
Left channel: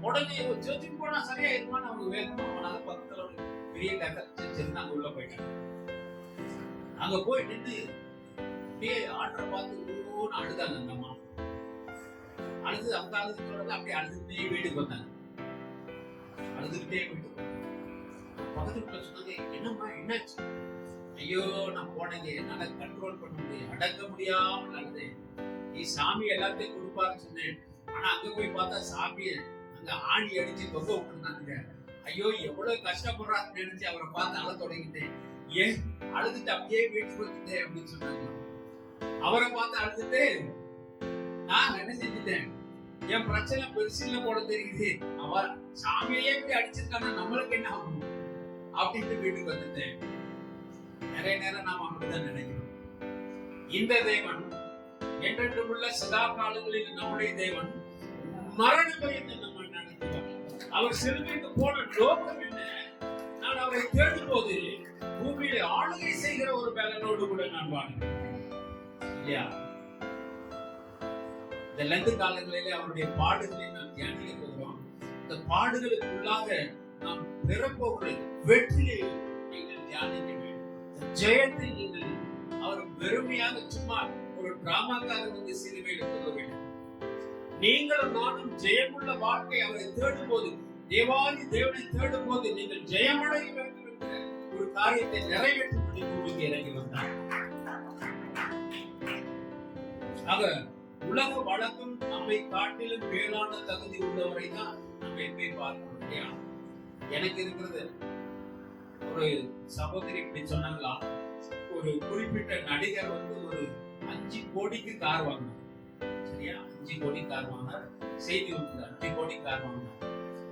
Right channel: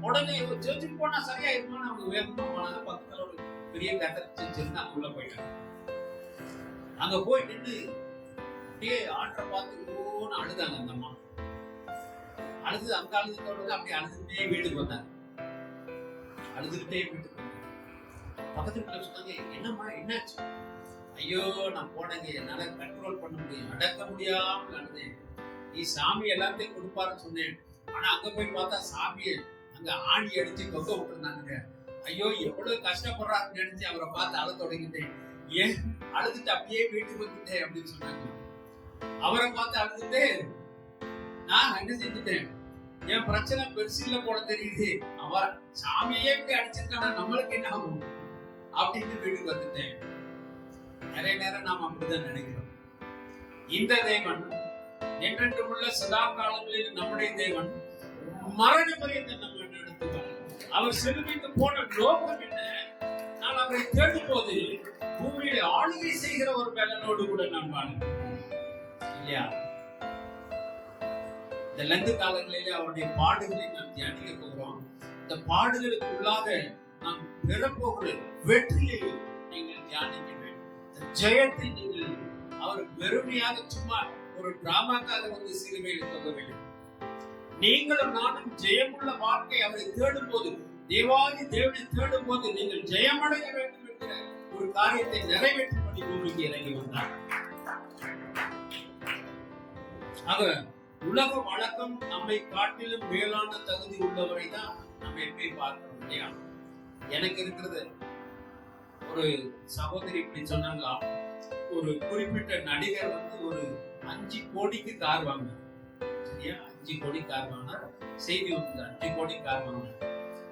உடனே சர்ச்சுக்கு போனா சரியா இருக்குமான்னு அவங்க வேகமா போனாங்க. பக்கத்துல ஒரு பெரிய கத்தர் சர்ச் இருந்து அங்க உள்ள போயிட்டாங்க. அங்க போய் நின்று அப்படியே ஆற்ற பார்த்து ஓன்னு அழுதாங்க. அந்த அம்மா அழுது அங்க அழுது சொல்றது அப்படியே அழுதுகிட்டே வீட்டுக்கு வந்தாங்க. அழுதுகிட்டே வீட்டுக்கு வந்தாங்க. பக்கத்துல சொன்னாங்க, என்னம்மா என்னாச்சு? ஐயோ, நான் போனேங்க, என்னால கண்ட்ரோல் பண்ண முடியும், அடக்க முடியாமல் அழுதேன். நீ சாமி எல்லாத்தையும் கொடுப்பாருன்னு சொன்னேன். ஆனா அங்க போய் பார்த்தா சாமியை அங்க ஆணி அடிச்சு தொங்க விட்டுருந்தாங்க. ஐயோ, எவ்வளவு கஷ்டப்படுறாருன்னு நினைச்சு அவரை பார்த்து அழ தொடங்கிட்டேன். ஏன் அழுதுட்டு அப்படியே வீட்டுக்கு வந்துட்டேன் அப்படின்னு சொன்னாங்க. அவரை பார்த்து அழுதுட்டு நான் என்ன செஞ்சுட்டேன்? என் பிரச்சனை பெருசு இல்ல போல தெரியுது, அவர் சாமியே இப்படி அடிச்சிருக்கானா நம்மளுக்கு என்ன ஆகும் அப்படின்னு வீட்டுக்கு வந்துட்டேன். நிறைய நேரம் நாம் அப்படிதான் நினைக்கிறோம். இந்த தேவன் என்றென்றும் உள்ள சதா காலங்களில் நம்முடைய தேவன் மரண பரியந்த நம்ம நடத்துவார். அவர் செல்விக்கு போன நோக்கம் என்ன? நான் அவரை தேடும் போது பூமியில ஆளுகை செய்கிற ஒரு பலனோடு கூட நான் வாழ்கிறேன் இல்லையா? இந்த லந்து காலங்களிலே அவருடைய பாடுகளை நாம் தியானிக்க போகிறோம். இந்த பாடுகளுக்குள்ளாக நாம் பெறப்போகிற வெற்றியை நீங்கள் தியானிக்க வேண்டும். இந்த ஜெயத்தை நீங்கள் அவர் வெறுமையாக சும்மா ஒரு டிராமாக்காக வந்து சிலுவையில் தொக வேண்டும். நீங்களும் நானும் ஜெயமுள்ள வாழ்க்கை அவரை தேடும் போது, தேவாதி தேவனை தேடும் போது நீங்கள் ஜெயமடைய வேண்டும் என்கிற ஒரு காரியத்தை நிறைவேற்றும்படி பூமிக்கு இறங்கி வந்தார். ஆக உலக வழக்கம் நம்மை காட்டிலும் மேலான தகுதி உள்ளவரை தான் நம்ம எப்பயும் பார்க்கணும் இல்லையா? எனக்கு இருக்கிறது ஒரு சகோதரி இப்படி சொன்னாங்களா, ஒரு குறிப்பிட்ட நடிகர் வந்து ஒரு 5 கோடிக்கு கார் வாங்கினார். சரியா? 5 கோடி கார் வாங்கினார். செய்தி வந்து 5 கோடி கார் வாங்கினார்.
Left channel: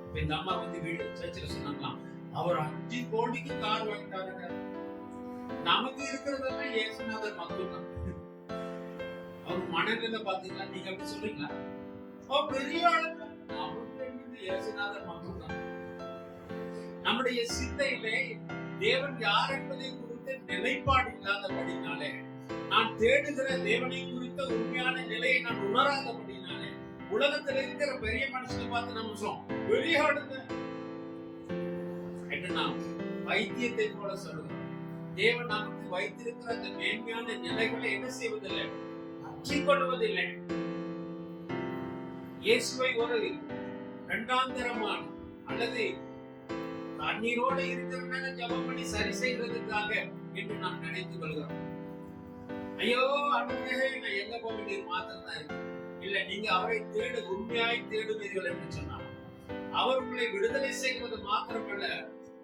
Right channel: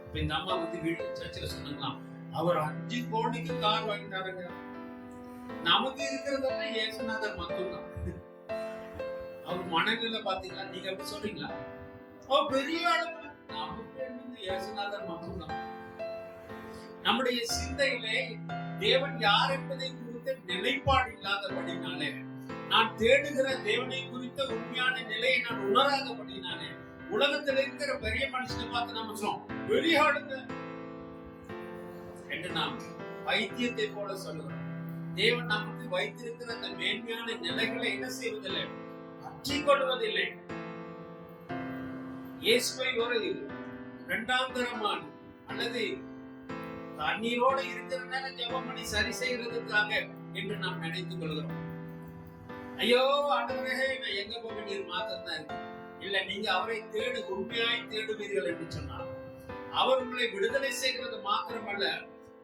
இப்ப இந்த அம்மா வந்து வீடு சர்ச்சில் சொன்னாங்களாம், அவர் 5 கோடிக்கு கார் வாங்கிட்டாருங்க. நமக்கு இருக்கிறதெல்லாம் இயேசுநாதர் மட்டும்தான். அவங்க மனநிலை பாத்தீங்களா? நீங்க அப்படி சொல்றீங்களா? ஓ, பெரிய அளவு நமக்கு என்னது? இயேசுநாதர் மட்டும்தான். நம்முடைய சிந்தையிலே தேவன் யார் என்பதை குறித்த நிலைப்பாடு இல்லாதபடினாலே, நான் தேடுகிற தேவனை குறித்த உண்மையான நிலையை நான் உணராதபடினாலே, உலகத்தில் இருக்கிற பெரிய மனுஷனை பார்த்து நம்ம சொல்றோம் பெரிய ஆளுங்க என்று நாம் வைத்தியத்தை போல சொல்லுகிறோம். தேவன் நமக்கு வைத்திருக்கிற அந்த மேன்மையான நிலைகளை என்ன செய்வதில்லை? கொள்வதில்லை. இயேசுவை ஒரு இரண்டாந்தரமான அல்லது தண்ணீரோடு இருக்கிற ஜெபம் பண்ணி சரி செய்வதற்காக என்று நாம் நினைத்துக் கொள்கிறோம். ஐயோ ஆண்டவரே, நான் எங்க போக வேண்டிய மாத்திரம் தான் இருக்கு. இல்ல, நீங்க அவரை தேடு, உண்மையாய் தேடுவீர்கள் என்று சொன்னார். அவர் உங்களை விடுதலை செய்கிறது மாத்திரமல்ல,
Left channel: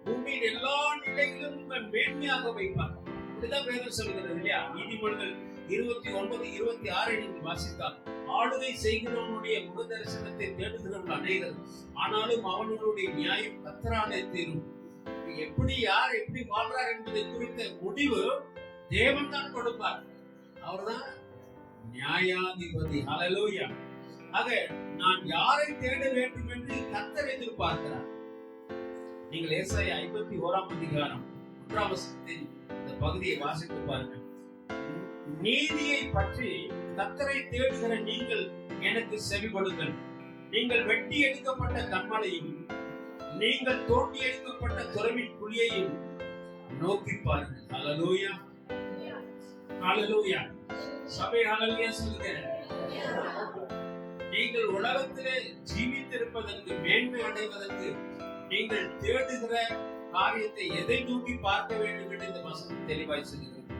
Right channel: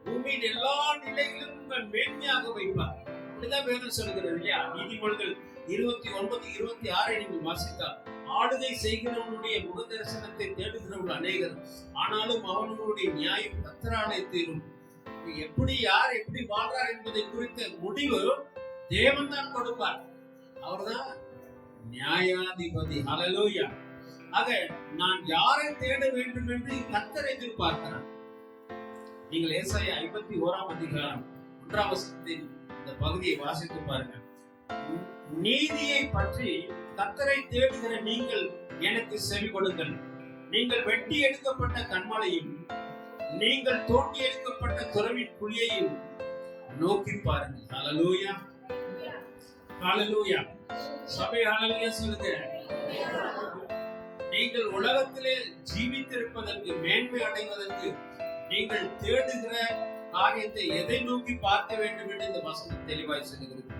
பூமியின் எல்லா நிலைகளிலும் மேன்மையாக வைப்பார். இப்படிதான் வேதம் சொல்கிறது இல்லையா? நீதிமொழிகள் 29:26 நீங்கள் வாசித்தால், ஆளுகை செய்கிறவனுடைய முக தரிசனத்தை தேடுகிறவர்கள் அநேகர், ஆனாலும் அவனுடைய நியாயம் கர்த்தராலே தீரும். எப்படி யார் எப்படி வாழ்றார் என்பதை குறித்த முடிவு தேவன் தான் கொடுப்பார். அவர்தான் நியாயாதிபதி. ஹல்லேலூயா. ஆக நான் யாரை தேட வேண்டும் என்று கர்த்தர் எதிர்பார்க்கிறார். நீங்கள் ஏசாயா 51:1 இந்த பகுதியை வாசித்து பாருங்க. நீதியை பற்றி கர்த்தரை தேடுகிற நீங்கள் எனக்கு செவி கொடுங்கள். நீங்கள் வெட்டி எடுக்கப்பட்ட கன்மலையும் நீங்கள் தோண்டி எடுக்கப்பட்ட துறவின் குழியையும் நோக்கி பாருங்கள். ஹல்லேலூயா. ஹalleluya. சபை ஹalleluya சொல்லுங்க. நீங்கள் உலகத்திலே ஜீவித்திருப்பதற்கு, மேன்மை அடைவதற்கு நீங்கள் தேடுகிற காரியத்தை எதை நோக்கி பார்க்க வேண்டும் என்று இந்த வசனம் தெளிவாய் சொல்லுகிறது.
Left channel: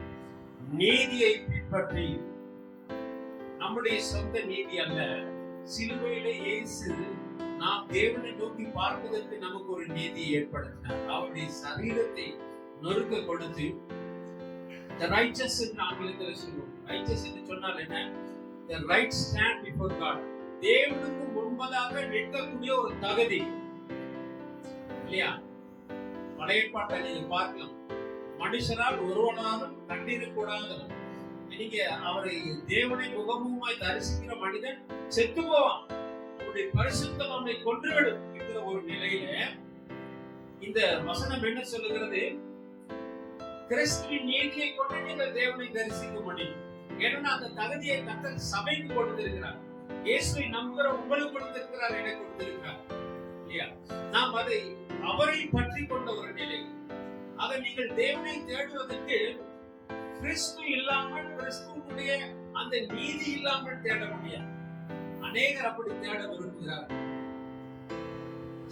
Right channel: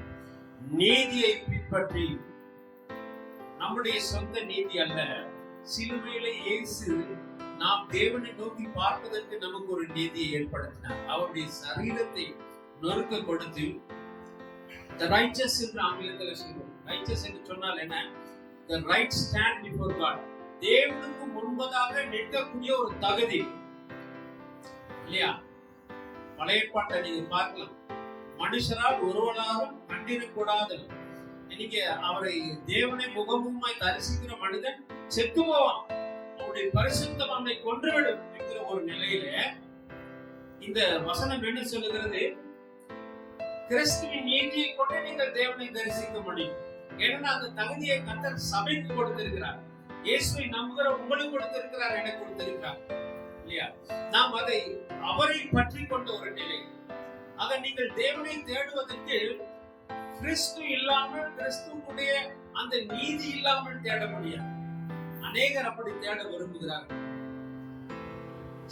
நீதியை பின்பற்றி, நம்முடைய சொந்த நீதி அல்ல, சிலுவையிலே இயேசு நாம் தேவனை நோக்கி பார்ப்பதற்கு நமக்கு ஒரு நீதியை ஏற்படுத்தினார். அவருடைய சரீரத்தை நொறுக்க கொடுத்து, the righteous என்று ஆங்கிலத்தில் சொல்லுவோம். righteous என்று சொன்னால் என்ன? the right stand before God. தேவனுக்கு முன்பதாக நிற்கக்கூடிய ஒரு தகுதி இல்லையா? பழைய ஏற்பாட்டை நீங்க பார்க்கலாம். மனுஷரால் ஒருவனாலும் கண்டிடக்கூடாதவன். நீங்க அவரை தேவனை முகமுகமாய் தரிசிக்கிற மனிதன் செத்து போவான். அவருடைய பரிசுத்தம் அவனை கொன்றுவிடும் என்கிற ஒரு நிலையில இந்த வசனம் என்ன சொல்லுகிறது? கிறிஸ்துவின் நீதியை கொண்டு நீங்கள் தேவனை தரிசிக்க முடியும். ஏன்னா அந்த தகுதியை கர்த்தர் சபைக்கு கொடுத்திருக்கிறார். இயேசுவை நம்புகிற உங்களுக்கு கொடுத்திருக்கிறார், எனக்கு கொடுத்திருக்கிறார் இல்லையா? நாம் அதை அவரை பற்றி கொண்ட ஒரு நிலை. ஆக நீங்கள் தேவனை தேடுவதற்கு கிறிஸ்து இல்லாமல், கிறிஸ்துவுடைய அந்த நீதி இல்லாமல் தேட முடியாது. அநேகர் அப்படி தேட விரும்புகிறார்கள்.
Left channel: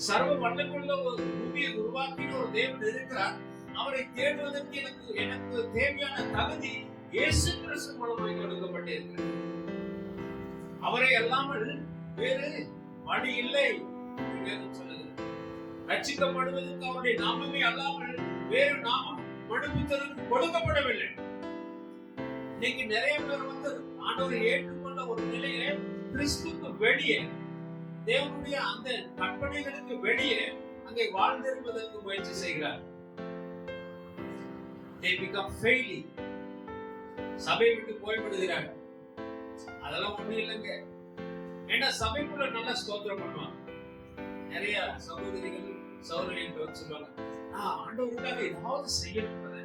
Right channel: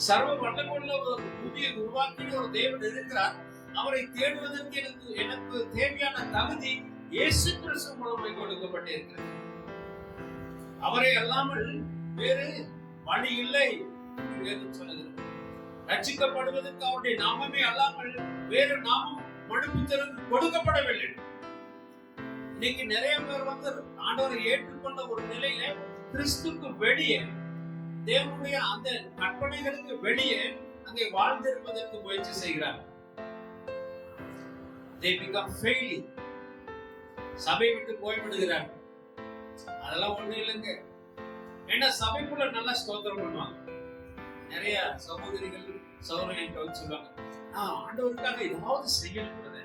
சர்வ வல்லமையுள்ள ஒரு பூமியை உருவாக்கின ஒரு தேவன் இருக்கிறார். அவரை தேடுவதற்கு எனக்கு தேவையான தகுதி இயேசு கிறிஸ்து மூலமாய் கொடுக்கப்பட்டிருக்கிறது. அவரை அல்லாமல் வேறு வழி இல்லை என்று சொல்லுகிறது. ரட்சிக்கப்படுவதற்கு அவருடைய நாமமே அல்லாமல் வேறு நாமம் மனுபுத்திரனுக்கு கொடுக்கப்படவில்லை. இன்னைக்கு நிறைய பேர் வந்து ஆண்டவரை ஏற்றுக்கொண்ட ஒரு நிலையில கிறிஸ்துக்கு வெளியே, தேவனுடைய அந்த கற்பனைகளுக்கு வெளியே அங்கே வாழ்ந்திருப்பதற்கு முயற்சி செய்கிறார். They become failing. சபை விட்டு போய்விடுகிறார். அதெல்லாம் ஒண்ணு இல்லைங்க. ஏன்னா சபைக்குள்ள நல்லா ஸ்தோத்திரம் பண்ணுவாங்க. நிறைய சகோதரிகள் சகோதரர்கள் சொல்லுவாங்க, ஆண்டவருக்காக ஏதாவது செய்யணும்ன்றத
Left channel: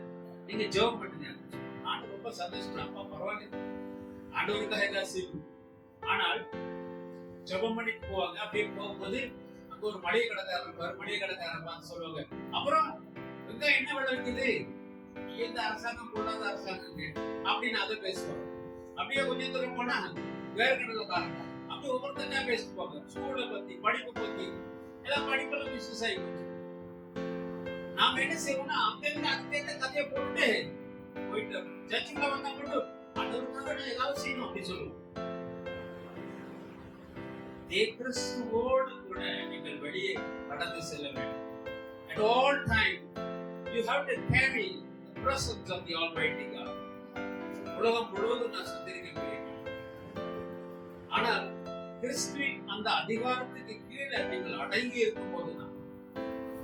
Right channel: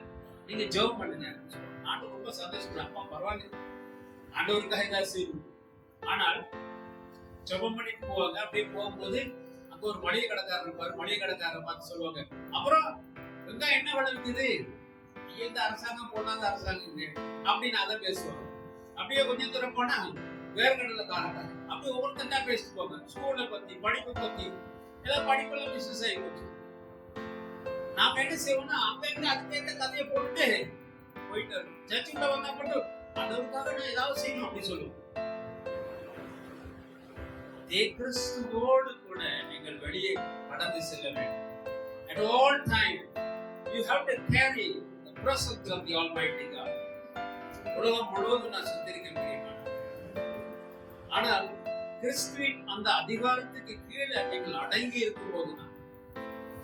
நீங்க ஜெபம் பண்ணுங்க. ஆண்டவர் ரொம்ப சந்தோஷப்படுற, அப்பா பரவாயில்ல, ஆண்டவருக்காக ஏதாவது செய்யணும். ஆனால் ஜெபம் பண்ணிட்டு போவாங்க. அப்படியே போகும்போது அங்க ஒரு மளிகை கடைக்காரர் இருப்பாரு. மளிகை கடைக்காரரை பார்த்து சொல்லுவாங்க, அப்புறம் வெங்காயம் என்ன விலை விற்குது? இந்த அரசாங்கம் போடாத அரசாங்கம் அப்படின்னு அதை பேசுவாங்க. அப்படியே கொஞ்சம் தூரம் போனா வேர்கடல காரங்க அப்படி ஒவ்வொருத்தா பேசிட்டு போங்க. ஸ்கூலை பத்தி, படிப்பை பத்தி, ஏதாவது படிப்பெல்லாம் பிசினஸ் ஆகி போச்சு. நாம என்ன செய்வோம்னா அங்க அதுக்கு கதையை போட்டு போயிட்டு சர்ச்சுக்குள்ள வந்தா மட்டும் அதற்காக நான் ஏதாவது செய்யணும் அப்படின்னு சொல்லுவோம். கிறிஸ்துவோடு கூட நீங்கள் வெளியே கடந்து செல்ல வேண்டும். At all time you have to carry the presence of the Almighty God. உலகம் முழுவதும் நான் சந்திரிக்க முடியும். ஆனால் கிறிஸ்துவின் அந்த அதிகாரத்துக்கு கீழே நீங்கள் அடங்கி இருக்கும் போதுதான்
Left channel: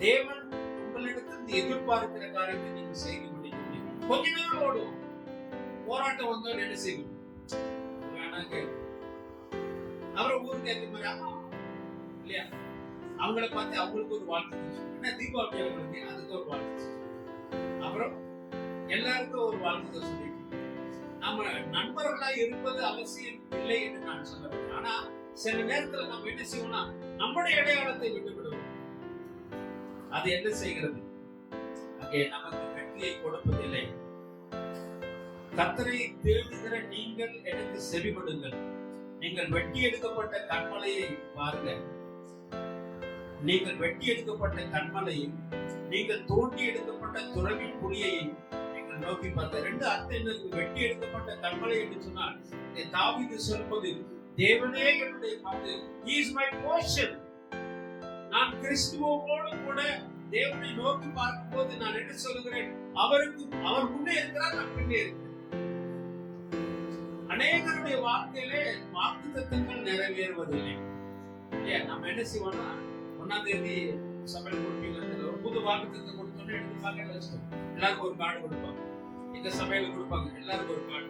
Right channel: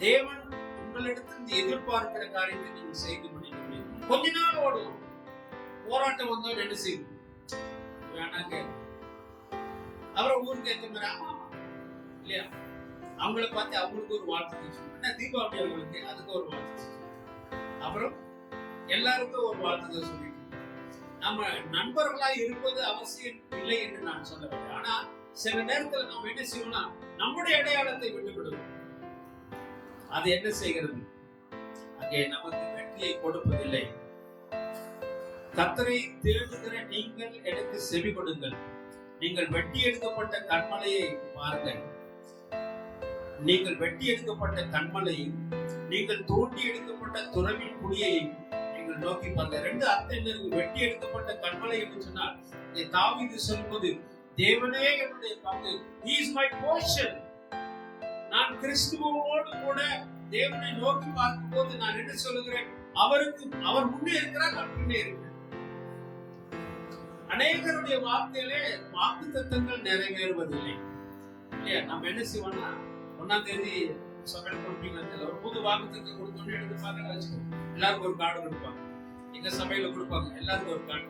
தேவன் உங்களிடத்தில் எதிர்பார்க்கிற காரியத்தை நீங்கள் செய்து முடிக்க முடியும். கொஞ்ச நாள் ஓடும், போராட்டம் வந்தோம் என்ன செய்வோம்? வேணாங்க, அப்புறம் ஊருக்கு ஏற்ற மாதிரி ஆமா இல்லையா, அவங்கள பார்த்து அவங்களுக்கு ஒரு வாழ்த்து என்ன தீபாவளி அவங்களுக்கு அதுக்கு ஒரு வாழ்த்து, அப்புறம் எல்லாருக்கும் ஒரு வாழ்த்து சொல்லிட்டு நம்ம நண்பர்களா இருப்பது அவசியம் இல்லை என்று நான் சொல்லவில்லை. ஆனா சில நேரத்துல நம்ம என்ன செய்வோம்னா நம்முடைய அடையாளத்தை விட்டு விடுவோம். அது என்ன செய்கிறது? அங்கே நமக்கு வெற்றியை கொடுப்பதில்லை. கர்த்தரை தேடுகிற நீங்கள் எனக்கு செவி கொடுங்கள். நீங்கள் வெட்டி எடுக்கப்பட்ட கண்மலையை பாருங்க. நீங்கள் வெட்டி எடுக்கப்பட்ட கண்மலையும் நீங்கள் தோண்டி எடுக்கப்பட்ட துறவி குழியை நீங்கள் நோக்கி பாருங்க. ரெண்டு அர்த்தம் என்ன இருக்கு? வெட்டி எடுக்கப்பட்ட கண்மலை என்று சொன்னால் தாவீது சொல்வது தேவனே என்னுடைய பங்கு, he is my portion. நான் கிறிஸ்துவோடு கூட தேவனை நோக்கி பார்க்கும்போது நான் என்ன சொல்லுகிறேன்? அவர் முன்னே இருக்கிறார், நான் பின்னே இருக்கிறேன். அநேகருடைய வார்த்தையிலே வாக்குத்தத்தங்கள் நிறைவேறுவதில்லை இல்லையா? நம்ம என்ன செய்வோம்னா 1ஆம் தேதி சபையில் கொடுப்பீங்க, ஒரு புது வாக்குத்தத்தம் கொடுத்தோன்னு எடுத்து பார்க்க வச்சுக்கோங்க. எல்லாருக்கும் ஒரு கார்டு கொடுப்பாங்க. எங்க சபையில கொடுப்பாங்க, எல்லாருக்கும் ஒரு கார்டு.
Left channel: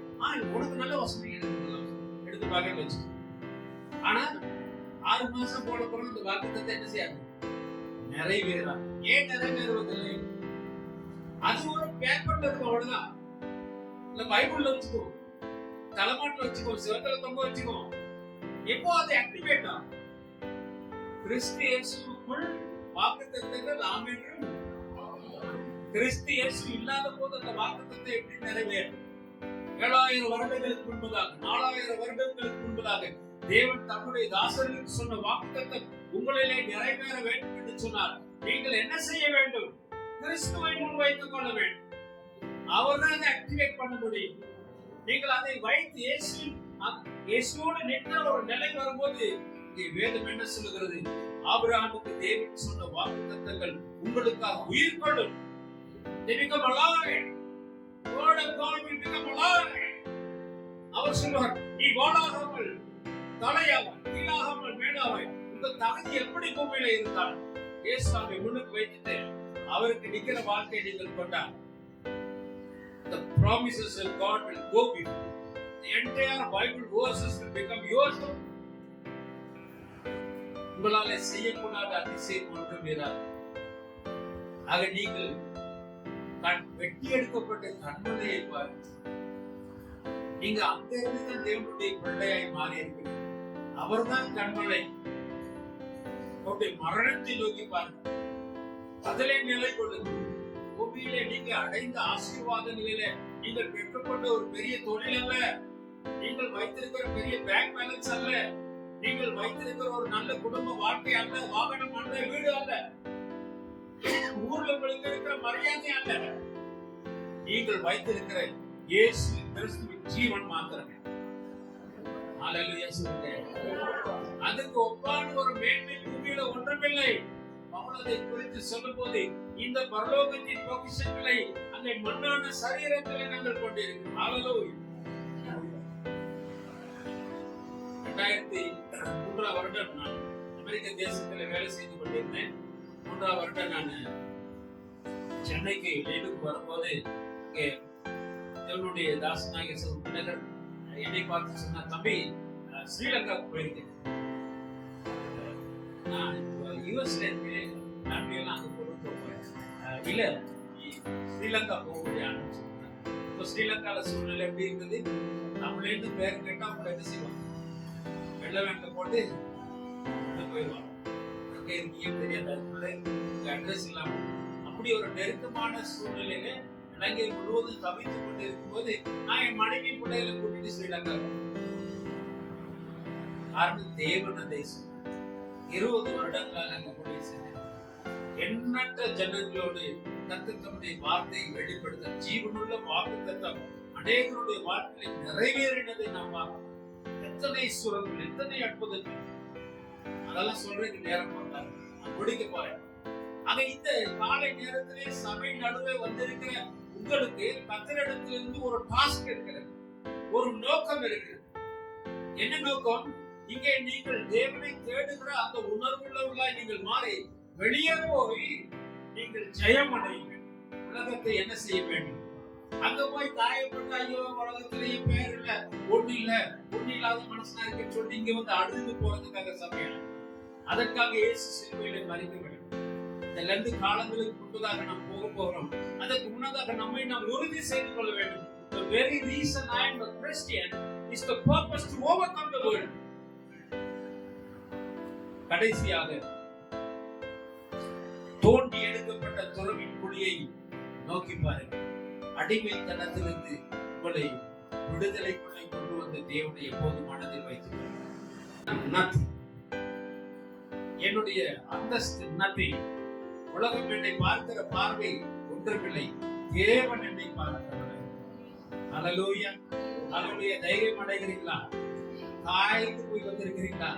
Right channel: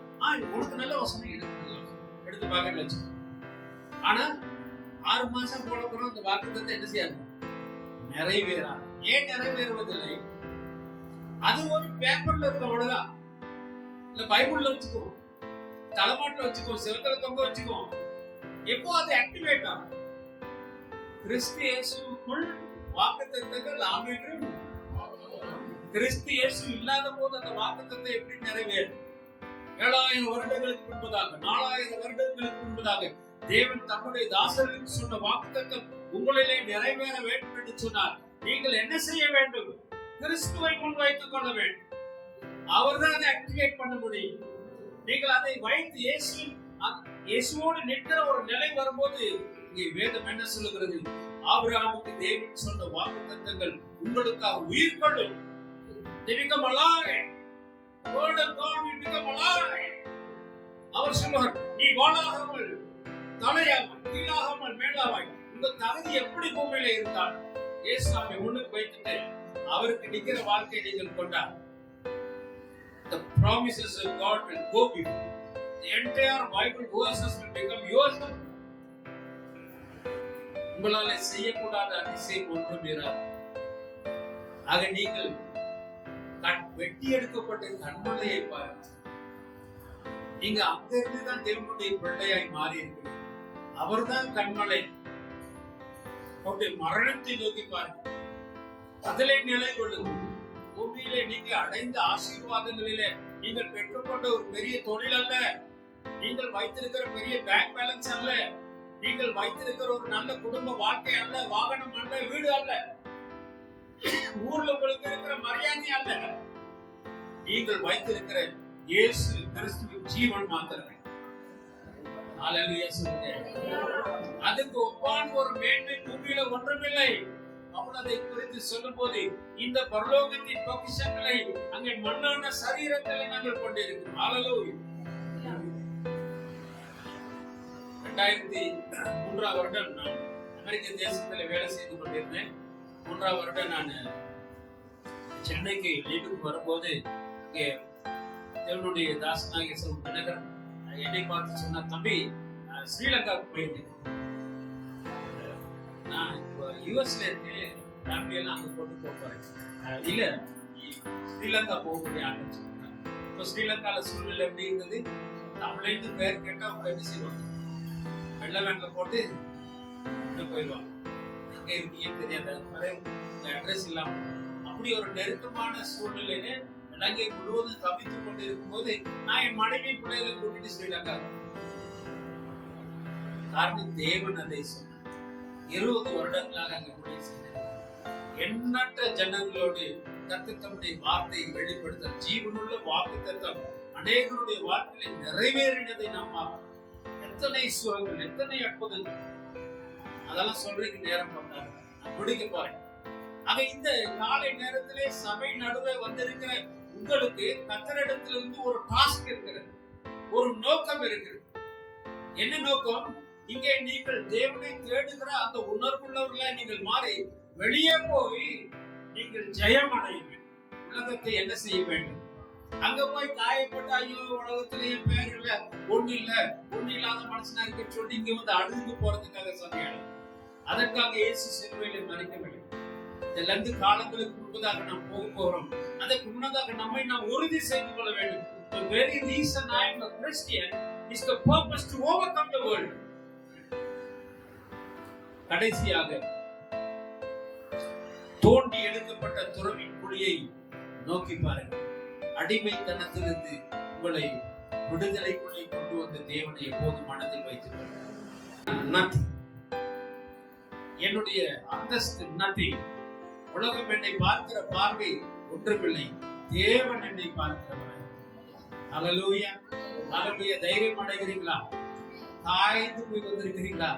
உனக்கு நல்ல வசனம், எனக்கு நல்ல வசனம் எடுத்து பார்க்க வச்சுக்கோங்க. ஆனா 6 மாசம் போட போறோம், இந்த வாக்குத்தத்தம் என்ன செய்யாது? நிறைவேறா. ஏன் நிறைவேறுவதில்லை? அது ஒரு பேப்பர்ல இருக்க அவ்வளவுதான். இல்ல பைபிள்ல வச்சுக்கோ, தலைமாட்டில் வச்சுக்கோ, சிவத்துல தொங்க வச்சுக்கோ. எப்போ அது ஆக்டிவேட் ஆகும்? கிறிஸ்து இயேசுக்குள் வாக்குத்தத்தங்கள் ஆமென். கிறிஸ்து இயேசு இல்லாத போது அந்த வாக்குத்தத்தம் எப்படி நிறைவேறும்? 7000 வருடங்களுக்கு முன்பதாக 4000 வருடங்களுக்கு முன்பதாக தேவன் தம்முடைய தாசர்களுக்கு சொன்ன வாக்குத்தத்தம் உங்களிலே நிறைவேற வேண்டும் என்று சொன்னார். நீங்கள் என்ன செய்ய வேண்டும்? கிறிஸ்துவை முன்வைத்துக் கொள்ள வேண்டும். அவர்தான் அதை ஆக்டிவேட் பண்ண முடியும். நீங்கள் அதை வைத்து இயேசுவோடு நிற்கிற ஒரு நிலை வரும்போது இங்கே வேதம் என்ன சொல்லுகிறது? ஆபிரகாமுக்கு தேவன் சொன்ன வாக்குத்தத்தங்கள் உங்களுக்காக உயிர் கொள்ளும். They become alive. The word of God will become alive. அவர் சொல்வார், நீ வாளாகாமல் தலையாமல் கீழாகாமல் மேலாவாய். உங்க தகுதி எப்படி பூமியில இருந்தால் இயேசுவை முன்னுக்கு வைத்துட்டு அவருக்கு நிக்கிற வாழ்க்கை நீங்கள் கொண்டார். The promises of God will go before. The entire Bible verses will become yours. உங்களால செய்யக்கூடாத அதிசயம் ஒன்றும் இராது. ஆக நீங்கள் வெட்டி எடுக்கப்பட்ட கண்மலையை பாருங்கள். நீங்க அங்க இருந்துதான் தேவனுடைய பிள்ளையாய் மாறி இருக்கிறீங்க. அவர்தான் கண்மலை. அவருடைய மரணத்தை நோக்கி பாருங்க. அதிலே நிலை கொள்ளுங்கள். பூமியிலே நீங்க அடைந்த ஆசீர்வாதங்களிலே நீங்கள் பெற்றுக்கொண்ட ஒரு பெரிய தொழில் அல்ல, நீங்கள் வைத்திருக்கிற பெரிய பேங்க் பேலன்ஸ் அல்ல, நீங்கள் வைத்திருக்கிற ஒரு நல்ல குடும்ப வாழ்க்கை அல்ல, வாகனம் அல்ல, வீடு அல்ல, ஊர்ல உங்களுக்கு இருக்கிற மரியாதை அல்ல. நீங்கள் வைத்திருக்கிற இயேசு கிறிஸ்துவின் ஜீவன் மாத்திரமே. ஹல்லேலூயா சொல்லுங்க. அதுக்கு ஒப்பான ஒரு மேன்மை பூமியில ஒன்றுமில்லை. அவள் அதை குறித்து சொல்லும் போது இந்த பரலோகத்தின் பொக்கிஷங்களை அங்கே மண்ணான சரீரங்களை நாங்கள் கொண்டிருக்கிறோம். ஹல்லேலூயா. 2003 வருடம் நான் அமெரிக்க தேசத்தில் வேலை செய்து கொண்டிருந்தேன். 3 வருடம் நான் சென்னைக்கு லீவுக்கு வரும்போது இங்கே தேவனுடைய தாசனாகிய தினகர் என்னை பார்த்து சொன்ன, தம்பி ஸ்ரீலங்காவுக்கு போயிருக்கேன், நான் யூஎஸ்ல இருக்கேன், ஃபேமிலியெல்லாம் அங்கே போட்டு போறேன். இல்ல ஸ்ரீலங்கா போகக்கூடிய ஆண்டு சொன்னாங்க. இப்போ ஸ்ரீலங்கால சூழ்நிலை எப்படி இருந்தது? தமிழ்லேருந்து பேர் கேட்டா அவங்க என்ன செய்வாங்க? வெள்ள வேன்ல போட்டு போயிடுவாங்க. எங்க இருக்கீங்கன்னு தெரியாது, அட்ரஸ் இல்லாம. அப்படி ஒரு நெருக்கமான சூழ்நிலையில இலங்கை முழுவதும் தவித்துக் கொண்டு இருக்கும் போது நான் என் மனைவி பிள்ளைகளை கூட்டிட்டு ஸ்ரீலங்கா. காரணம் தேவன் அதை சொன்னார். 20 வருடங்களாக அங்க கூடி சென்றேன். எண்ணற்ற ஜனங்களோடு கர்த்தர் தம்முடைய வார்த்தையை வெளிப்படுத்த ஜீவனுள்ள வாக்குத்தத்தம் அநேகருடைய வாழ்க்கையில் நிறைவேறினதை நாம் பார்க்கிறோம். எத்தனை சுகங்கள், எத்தனை அற்புதங்கள், அதெல்லாம் சொல்றதுக்கு நேரம் பண்ணாரு. நான் முடிக்க போறேன். ஆக இந்த காலை நேரத்திலே சபை நடுவே வந்திருக்கிற உங்களுக்கு கர்த்தரிடத்திலிருந்து ஒரு டாஸ்க் இருக்கிறது, ஒரு நோக்கம் இருக்கிறது. என்ன நோக்கம்? இங்கே நீங்கள் தேவனை தேடுகிற அந்த உணர்வுள்ளவர்களாய் நீங்கள் மாறி வெளியே போய் நீங்கள் ஜெயம் அடைய வேண்டும். உலகத்தை என்ன செய்ய வேண்டும்? அங்க போய் காயப்பட்ட, ஐயோ உலகத்திலேயே பேர் இல்ல, ஒண்ணு இல்ல, ஒண்ணு இல்லாத மனுஷனா இருக்க சொல்லி இங்க வந்து அழுது போறதுக்காக சபையான. அதற்காக இயேசு சிலுவையிலே மரிக்க வேண்டும். இந்த 2 காலங்களுக்கு முன்பதாக நாம் போக போறோம். அதற்கு முன்னதாக நம்மை நாம் உறுதி செய்து கொள்ள வேண்டும். The very reason I am a Christian is the purpose to overcome the world. கடைசியாக தோண்டி எடுக்கப்பட்ட துறவின் குழியை நோக்கி பாருங்கள். அடிமைத்தனத்திலிருந்து உங்களை விடுதலைக்குள்ளே கொண்டு வந்த தேவனை எப்போது மனதில் வைத்துக் கொள்ளுங்கள். என்னுடைய அந்தஸ்து நதி. உலகம் என்னை பார்க்கிற பார்வை ஒன்றுமில்லை, தேவன் என்னை பார்க்கிறவர். ஹல்லேலூயா, ஹல்லேலூயா. தைரியம் அடைகிறீங்களா? காய்ந்து போய் வந்திருக்கிறீங்களா?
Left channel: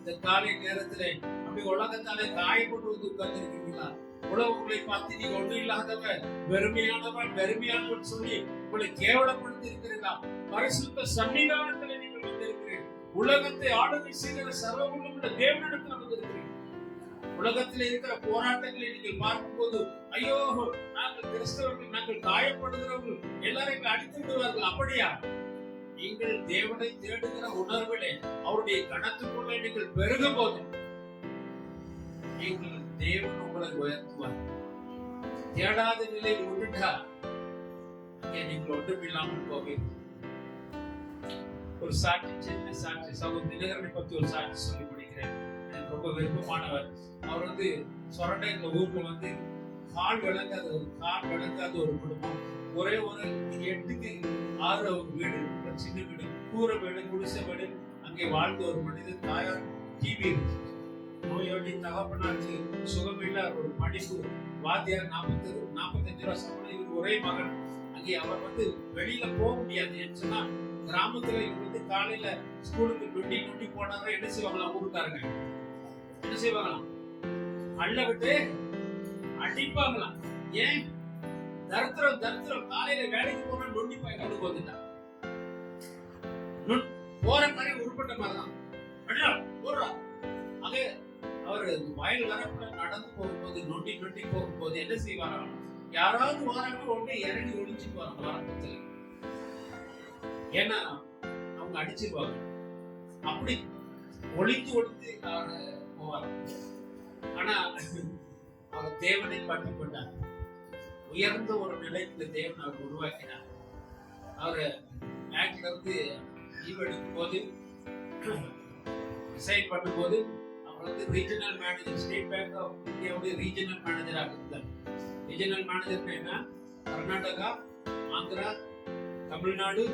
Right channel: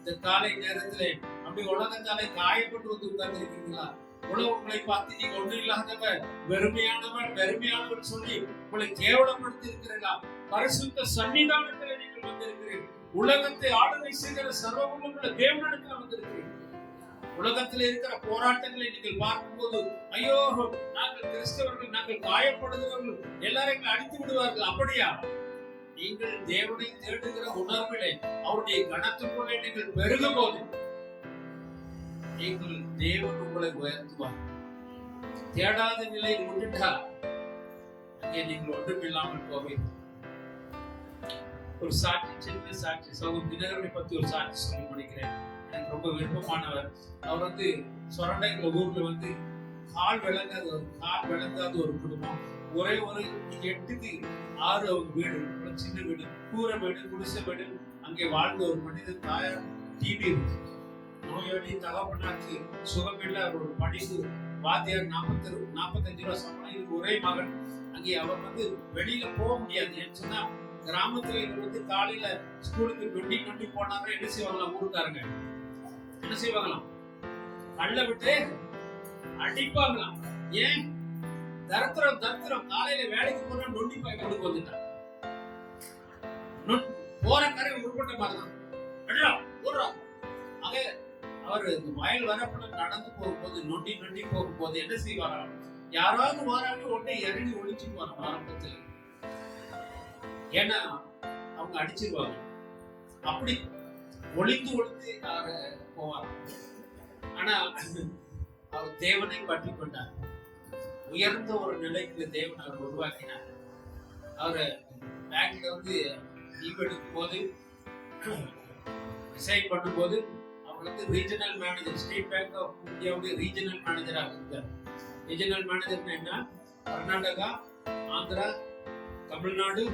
இந்த காலை நேரத்திலே அப்படி உலகத்தாலே காயப்பட்டு வந்து உட்கார்ந்து இருக்கிறீங்களா? உலகங்களை பார்த்து நீங்க ஒன்றும் இல்லாதவன், வெறுமையானவன் சொல்லி உங்களை கேவலப்படுத்தி இருக்கிறீர்களா? பரிசுத்த சன்னிதானத்தில் நீங்கள் வந்திருக்கிறீர்கள். உலகத்தை ஆளுகை செய்கிற சர்வவல்லமையுள்ள தேவனிடத்தில் வந்திருக்கிறீர்கள். உலகத்தில் இருக்கிற போராட்டங்களை நீங்கள் பார்க்கும்போது, ஐயோ நாங்கள் கிறிஸ்தவர்கள், நாங்கள் காயப்படுகிறவர்கள், எல்லாரும் எங்களை அடித்து விடுவார்கள். அப்படியா? நீங்கள் தேவனை தேடுகிற உணர்விலே அவருடைய கணத்துக்குள்ளே நீங்கள் பெருகும் போது நீங்கள் தேவன் உங்களை உயர்த்துவார். தேடாத நிலையில் விட்டுட்டா அங்கே நீங்கள் ஒன்றுமில்லாமல் போவீர்கள். ஒரு சாட்சி, சின்ன சாட்சி, சகோதரர் தினகரனை பத்தி ஒரு சாட்சி சொல்லி முடிக்கிறேன். எனக்கு ரொம்ப விருப்பமானவர். அவர் சொரண்டைங்கிற ஊர்ல கால் விளங்காத ஒரு குடும்பம். ஒரே ஒரு 8க்கு 6 அவங்க வீடு, சின்ன வீடு, கூரை வீடு, குடிசை வீடு. அங்கே வாழ்ந்த ஒரு மனிதன், தாயார் டிபி நோயாளி, தகப்பனாருக்கு சுகமில்லை, ஒரு படிப்பு வாத்தியார், 45 ரூபா சம்பளம், இவருக்கு ஒரே மகன். அங்கே அவர் வெளியில போக முடியாது. ஏன்னு சொன்னா கிராமத்துல இவர் காலையில ஸ்கூலுக்கு 20 போனாதான் என்ன செய்வாங்களாம், ஊருக்காரங்க என்ன செய்வாங்களாம், அள்ள விட்டு அடிப்பாங்களாம். ஏன்? தரித்திரம் காலையில வேலைக்கு போனா நொண்டி பாய் கொண்டு போந்துட்டான். போற மாதிரி உருப்பட்ட மாதிரிதான் போடுறா. ஆக அவர் வயல் வரப்புல நடந்து போகும்போது நொண்டி போகும்போது என்ன செய்வாராம், யாராவது வராங்க உடனே இறங்கி ஒழிச்சுட்டு வராங்க ஆரம்பத்துல. ஏன்னா அவங்க அடிச்சிருவாங்க. அப்படி ஒளிந்து போவார். ஆனா அவர் தேவனை பற்றி கொண்டார். உயர்ந்த ஒரு நிலைக்கு தேவன் அவர் உருவாக்கினார். அவரு பேங்க்ல இருந்து லீவ் எடுக்கும் போது, ரிசைன் பண்ணும்போது அவர் regional manager, State Bank of இந்தியாவுடைய ரீஜனல் மேனேஜராக இருந்தார். ரீஜனல் மேனேஜர் என்ன, கர்நாடகா, ஆந்திரா, தமிழ்நாடு,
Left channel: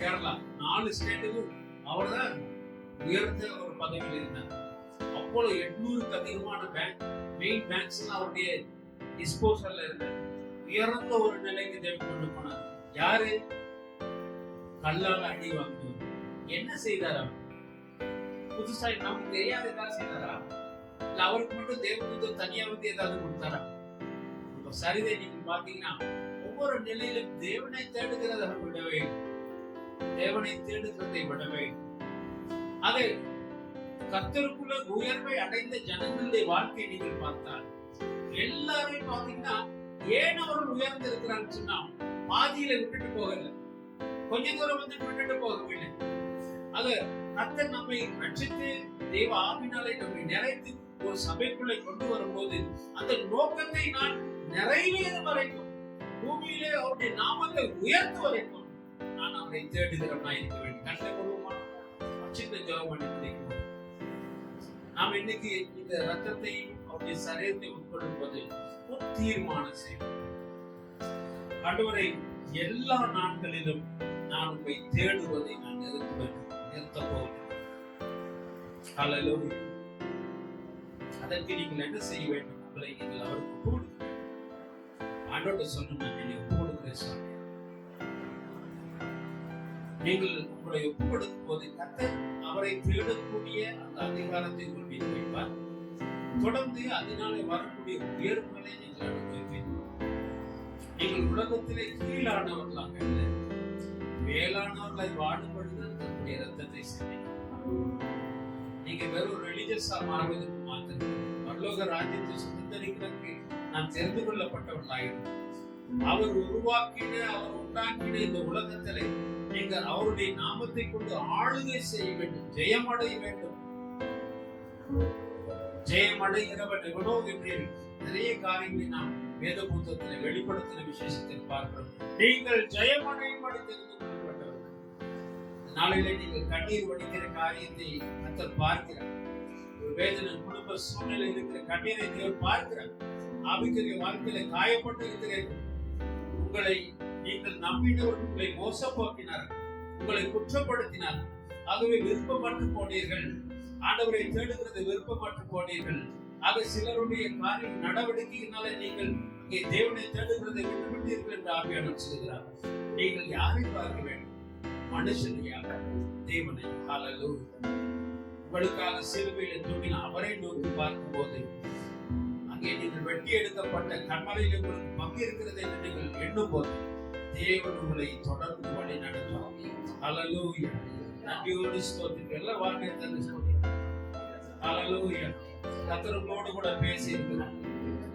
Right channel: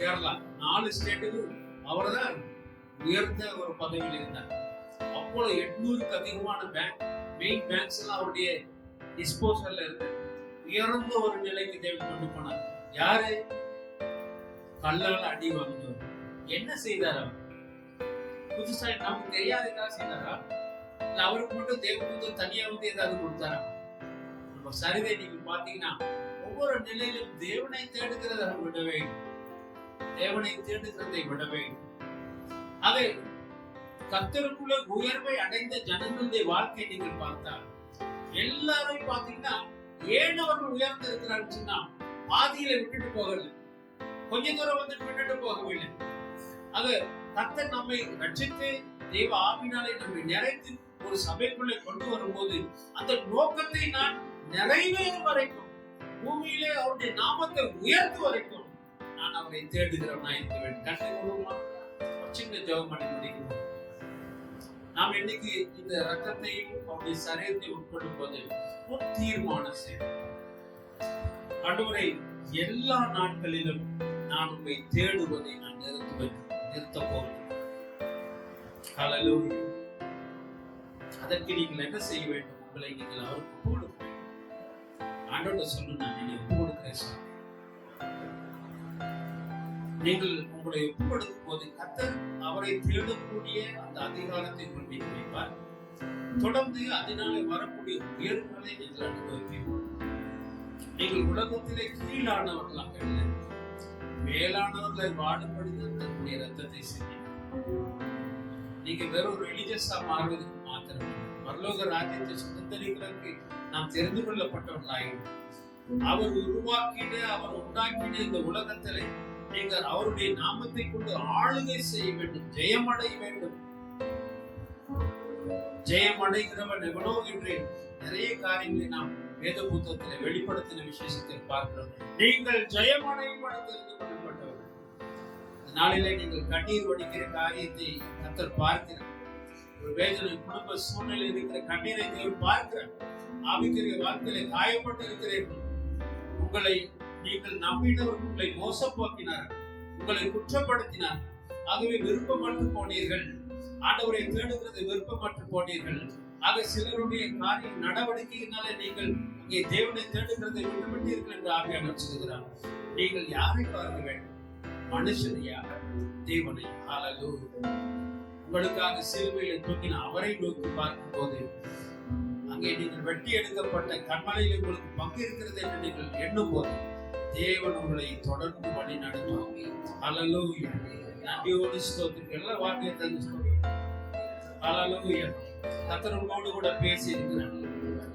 கேரளா 4 ஸ்டேட்டுக்கும் அவர் தான் உயர்ந்த ஒரு பதவியில் இருந்தார். அப்போது 800க்கு அதிகமான பேங்க், மெயின் பேங்க்ஸ் எல்லாம் அவருடைய டிஸ்போசல்ல இருந்த உயர்ந்த ஒரு நிலைக்கு தேவன் கொண்டு போனார். யாரு? கல்லால் அடி வாங்கினவர். என்ன செய்தார் அவர்? புதுசா நமக்கு தெரியாததா செய்தாரா? இல்ல அவருக்கு மட்டும் தேவன் தனியா ஏதாவது கொடுத்தாரா? நம்ம சரிதை நீங்க பாத்தீங்கன்னா ஒவ்வொரு நிலையிலும் தேவனை தேடுகிறதை விடவே, தேவனை தேடுகிறதை விடவே. அதை கர்த்தருக்குள்ள உயர்வை அடைந்த ஜனங்களுடைய வாழ்க்கை நீங்கள் பார்த்தால் எல்லாரும் பாத்தீங்கன்னா ஏன் அவர்கள் உயர்ந்து இருக்கிறான்னு சொன்னா பாதியில விட்டுட்டு போகல, கொஞ்ச தூரம் விட்டுட்டு போகவில்லை. அது கர்த்தர் நம்மை ரட்சித்து தேவ ஆவினாலே நம்மை நிறைத்து ஒரு சபைக்குள்ளே கொண்டு வரும்போது அந்த நோக்கத்தை நான் நிறைவேறும் வரைக்கும், பூமியிலே அவருடைய நாமத்தை உயர்த்து வரைக்கும் நான் அவரை தேடுகிறவனா இருக்க வேண்டும். கண்ணை கொடுமா, சின்ன ஜெபம் பண்ணி முடிக்கும். நாம் இன்னைக்கு இந்த ரத்தத்தையும் அவருடைய சரீரத்தை உட்கொள்ளும் போது ஒரு தீர்மானம் செய்யும். ஆண்டவரை, எல்லா நாட்களிலும் நான் உண்மை தேடுவதை நான் நிறுத்த போகிறேன். ஹல்லேலூயா. அதற்கு நீங்கள் என்ன செய்ய வேண்டும்? உங்களை நீங்கள் அவருக்கு ஒப்பு கொடுக்க வேண்டும். ஆண்டவர்கிட்ட சொல்லணும், நான் என்னை ஒப்பு கொடுக்கிறேன் சாமி. நீங்கள் உங்களை ஒப்பு கொடுக்கும் போது கர்த்தர் அவரை தேடக்கூடிய அந்த அதிகாரத்தை உங்கள் மீது வைப்பார். தொடர்ந்து அதனாலே வரக்கூடிய உயர்வுகளை நீங்கள் அனுபவிப்பீர்கள். நீங்கள் உலகத்திலே கீழானவர்களாக இல்லை, மேலானவர்களை வாடுபடுத்த தன்னுடைய ரத்தத்தை சிந்தினார். நீங்க வெறும் ரிலிஜியஸா மாறுவதற்கு மாத்திரம் பரலோக ராஜ்யத்தை சுதந்திரிக்கிறதுக்கு நாம் தெரிந்து கொள்ளப்பட்டவர்களாயிடும். அவர் உருவாக்கின, அவர் உண்டாக்கின இந்த உலகத்திலே நீங்கள் அவருடைய நாமத்தை கொண்டு ஆளுகை செய்ய வேண்டும், ஜெயமடைய வேண்டும். ஜெயமடைகிறவன் எவனோ என்று நிறைய காரியங்களை நாம் வேத புத்தகத்தில் வெளிப்படுத்தின விசேஷத்தில் பார்க்கிறோம். நீங்கள் ஜெயமடையும்படி தெரிந்து கொள்ளப்பட்டவர். நாளிலே நீங்கள் கண்ணீர் வடிக்கிற காரியத்தை கர்த்தர் பார்க்கிறார். ஒரு வேதனை, குடும்ப சூழ்நிலை இருக்கிற கண்ணீரை தேவன் பார்க்கிறார். ஆவிக்குரிய வாழ்க்கையில காயப்பட்டு இருக்கிறீர்கள். உங்களை நீங்கள் நம்பினவர் உங்களை மோசப்போக்கினார்கள், உங்களை குற்றப்படுத்தினார்கள். ஆகவே விருப்பமற்று போனீர்கள். ஆண்டவரை தேடுகிறது விருப்பமற்று போனீர்கள். ஆக சிலருடைய காரிய நடவடிக்கையினாலே நீங்கள் இங்கே தேவனை தேடுகிறதை விட்டுவிட்டீர்கள் என்று ஆவியானவர் சொல்கிறார். நீங்கள் யாரை பார்க்க வேண்டும்? மனுஷனையா? தேவனை. ஹல்லேலூயா. உங்களுக்காக சிலுவையில் தொங்கின அவரை நோக்கி பார்க்கும் போது அங்கே நீங்கள் வெட்டி எடுக்கப்பட்ட கண்மலையில் உங்களுக்கு பங்கு இருக்கிறது என்று நீங்கள் எண்ணும் போது தேவன் உங்களை தொடர்ந்து வழி நடத்துவாங்க. ஹல்லேலூயா. நன்றியோடு ஸ்தோத்திரம். எல்லா வார்த்தையை தந்து ஸ்தோத்திரம். ஹல்லேலூயா. கர்த்தர் உங்களோடு கூட பேசி இருக்கிறார்.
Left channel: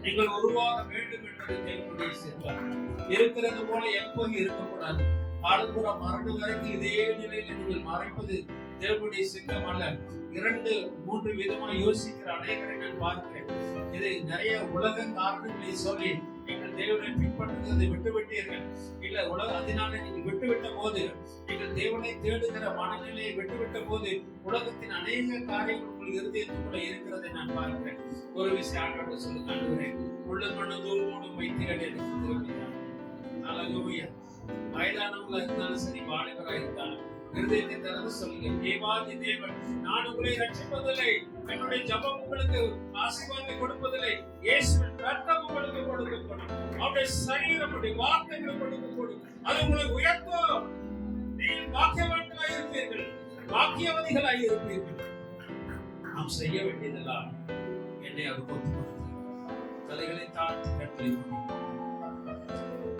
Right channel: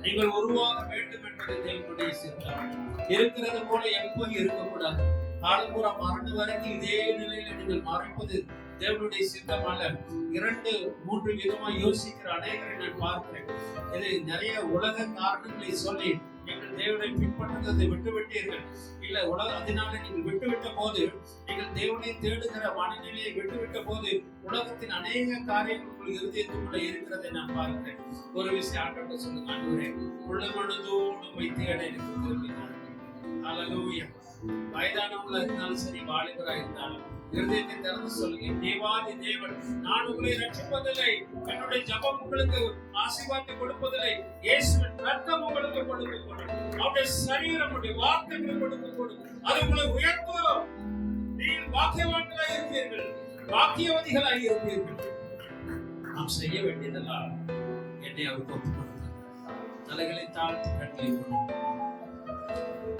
நீங்கள் உருவாக வேண்டும் என்பது தேவனுடைய சித்தம். இருக்கிறது போல எப்போதும் இருக்கக்கூடாது. காலம்பூரா மரணம் வரைக்கும் இதே நிலையில நீங்கள் மறைப்பது தேவனுடைய சித்தம் அல்ல. 2-3 விதமா யோசிக்கிற அநேகரை நான் பார்க்கிறேன். இது நிறைய உலக காரணங்களை சொல்லி நீங்கள் தேவனை பின்பற்றுவதை விட்டுவிட்டீர்கள். இல்ல அதனால நீங்கள் விட்டுவிட்ட போது, நீங்கள் தேவனை தேடுகிற மனநிலையை விட்டுவிட்ட போது உலகத்தின் அநேக காரியங்கள் உங்கள் இருதயத்துக்குள்ள இருக்கிறதை நான் பார்க்கிறேன். ஒரு விஷயம் ஆண்டவர்கிட்ட சொல்லுங்க, ஆண்டவரே, முழு மனதோடு உம்மை தேட எனக்கு திரும்பினார். ஹalleluya. வயதானவங்களா இருந்தாலும் சரி, வாலிபரா இருந்தாலும் இருதயத்தை திறந்து சொல்லுங்க, தேவாதி தேவன், நான் உங்களை ரட்சிப்பதில்லை, என்னுடைய ஜெபம் உங்களுக்கு ஆசீர்வாதத்தை கொடுப்பதில்லை, இயேசுவின் ரத்தம் உங்களுக்கு கொடுக்கப்படும், அவருடைய சரீரம், அவருடைய வார்த்தைகள் கொடுக்கப்படும், அது உங்களை உயர்த்தும். நீங்கள் பாக்கியவான்களாய் இருப்பீர்கள், பாக்கியவதிகளாய் இருப்பீர்கள். நாம் செய்ய வேண்டியதெல்லாம் என்னை அவருக்கு ஒப்புக்கொடுங்க. தலைகளை தாழ்த்தி கட்டளை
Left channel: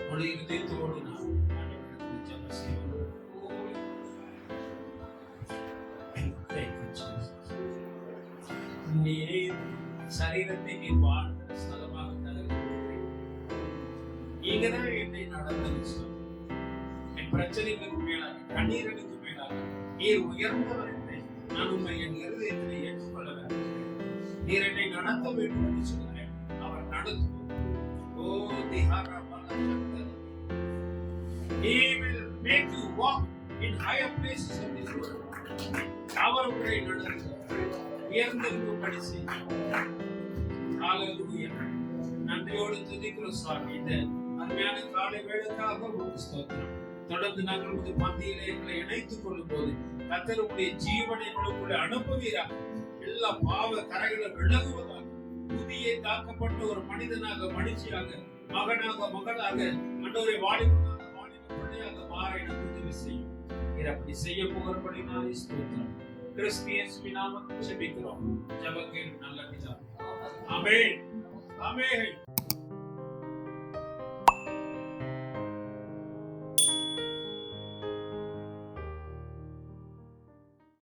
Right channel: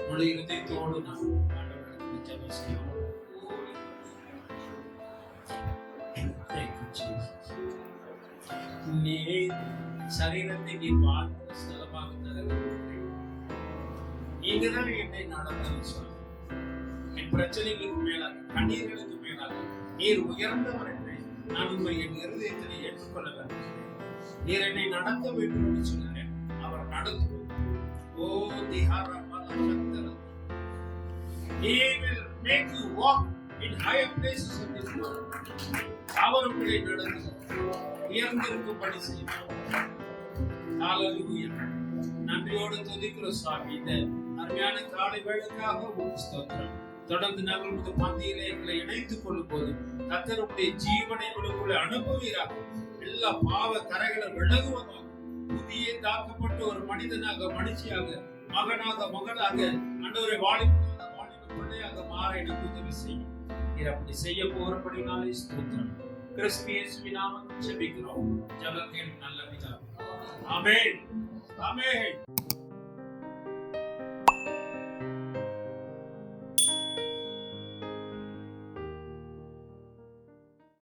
முழு இருதயத்தோடு நாம் ஆண்டவரிடத்தில் ஜெபம் செய்வோம். நீர் சரீரத்தை நீ வாழ்ந்த ஸ்தலமாக தருகிறீர்கள். நீங்க தான் என்னை நடத்த, என் பிரச்சனைகளுக்கு மேலாக, கண்ணீர்களுக்கு மேலாக நீர் உயர்ந்தவர் என்று நான் உண்மை என் இருதயத்தினை ஏற்றுக்கொள்ள வேண்டும். நீர் என்னை நடத்த வேண்டும் என்று சொன்னார். அவர் நடத்துவோம். ஓ திஹாரா பலசக்தர், he will make you walk in higher places of this world. அவர் உங்களை நடத்துவார், உயர்ந்திருக்கும்படி செய்வார். ஹalleluya. நன்றியோடு துதிக்கிறோம் சுவாமி. இந்த அருமையான காலை வேளைக்காக உமக்கு ஸ்தோத்திரம். தொடர்ந்து நாங்கள் உமது பந்தியிலே எங்களை இணைத்துக் கொள்ளும் போது கர்த்தருடைய ஜீவனை உங்களுக்குள்ளே அனுப்புவீராக. எல்லா பாவ கரைகளை விலகுவதாக, புதிய காக்கப்பட்ட ஒரு மனிதனாக, மனுஷியாக, மகனாக, மகளாக, அன்றொரு வாலிபனாக, வாலிப பிள்ளையாக மாற எனக்கு உதவி செய்யும். நீர் அப்படி செய்ய போறபடினாலே ஸ்தோத்திரம். கிறிஸ்து இயேசுவின் நாமத்தில் ஜெபிக்கிறோம். ஜெபம் கேளும் நல்ல பிதாவே. ஆமென். ஆமென்.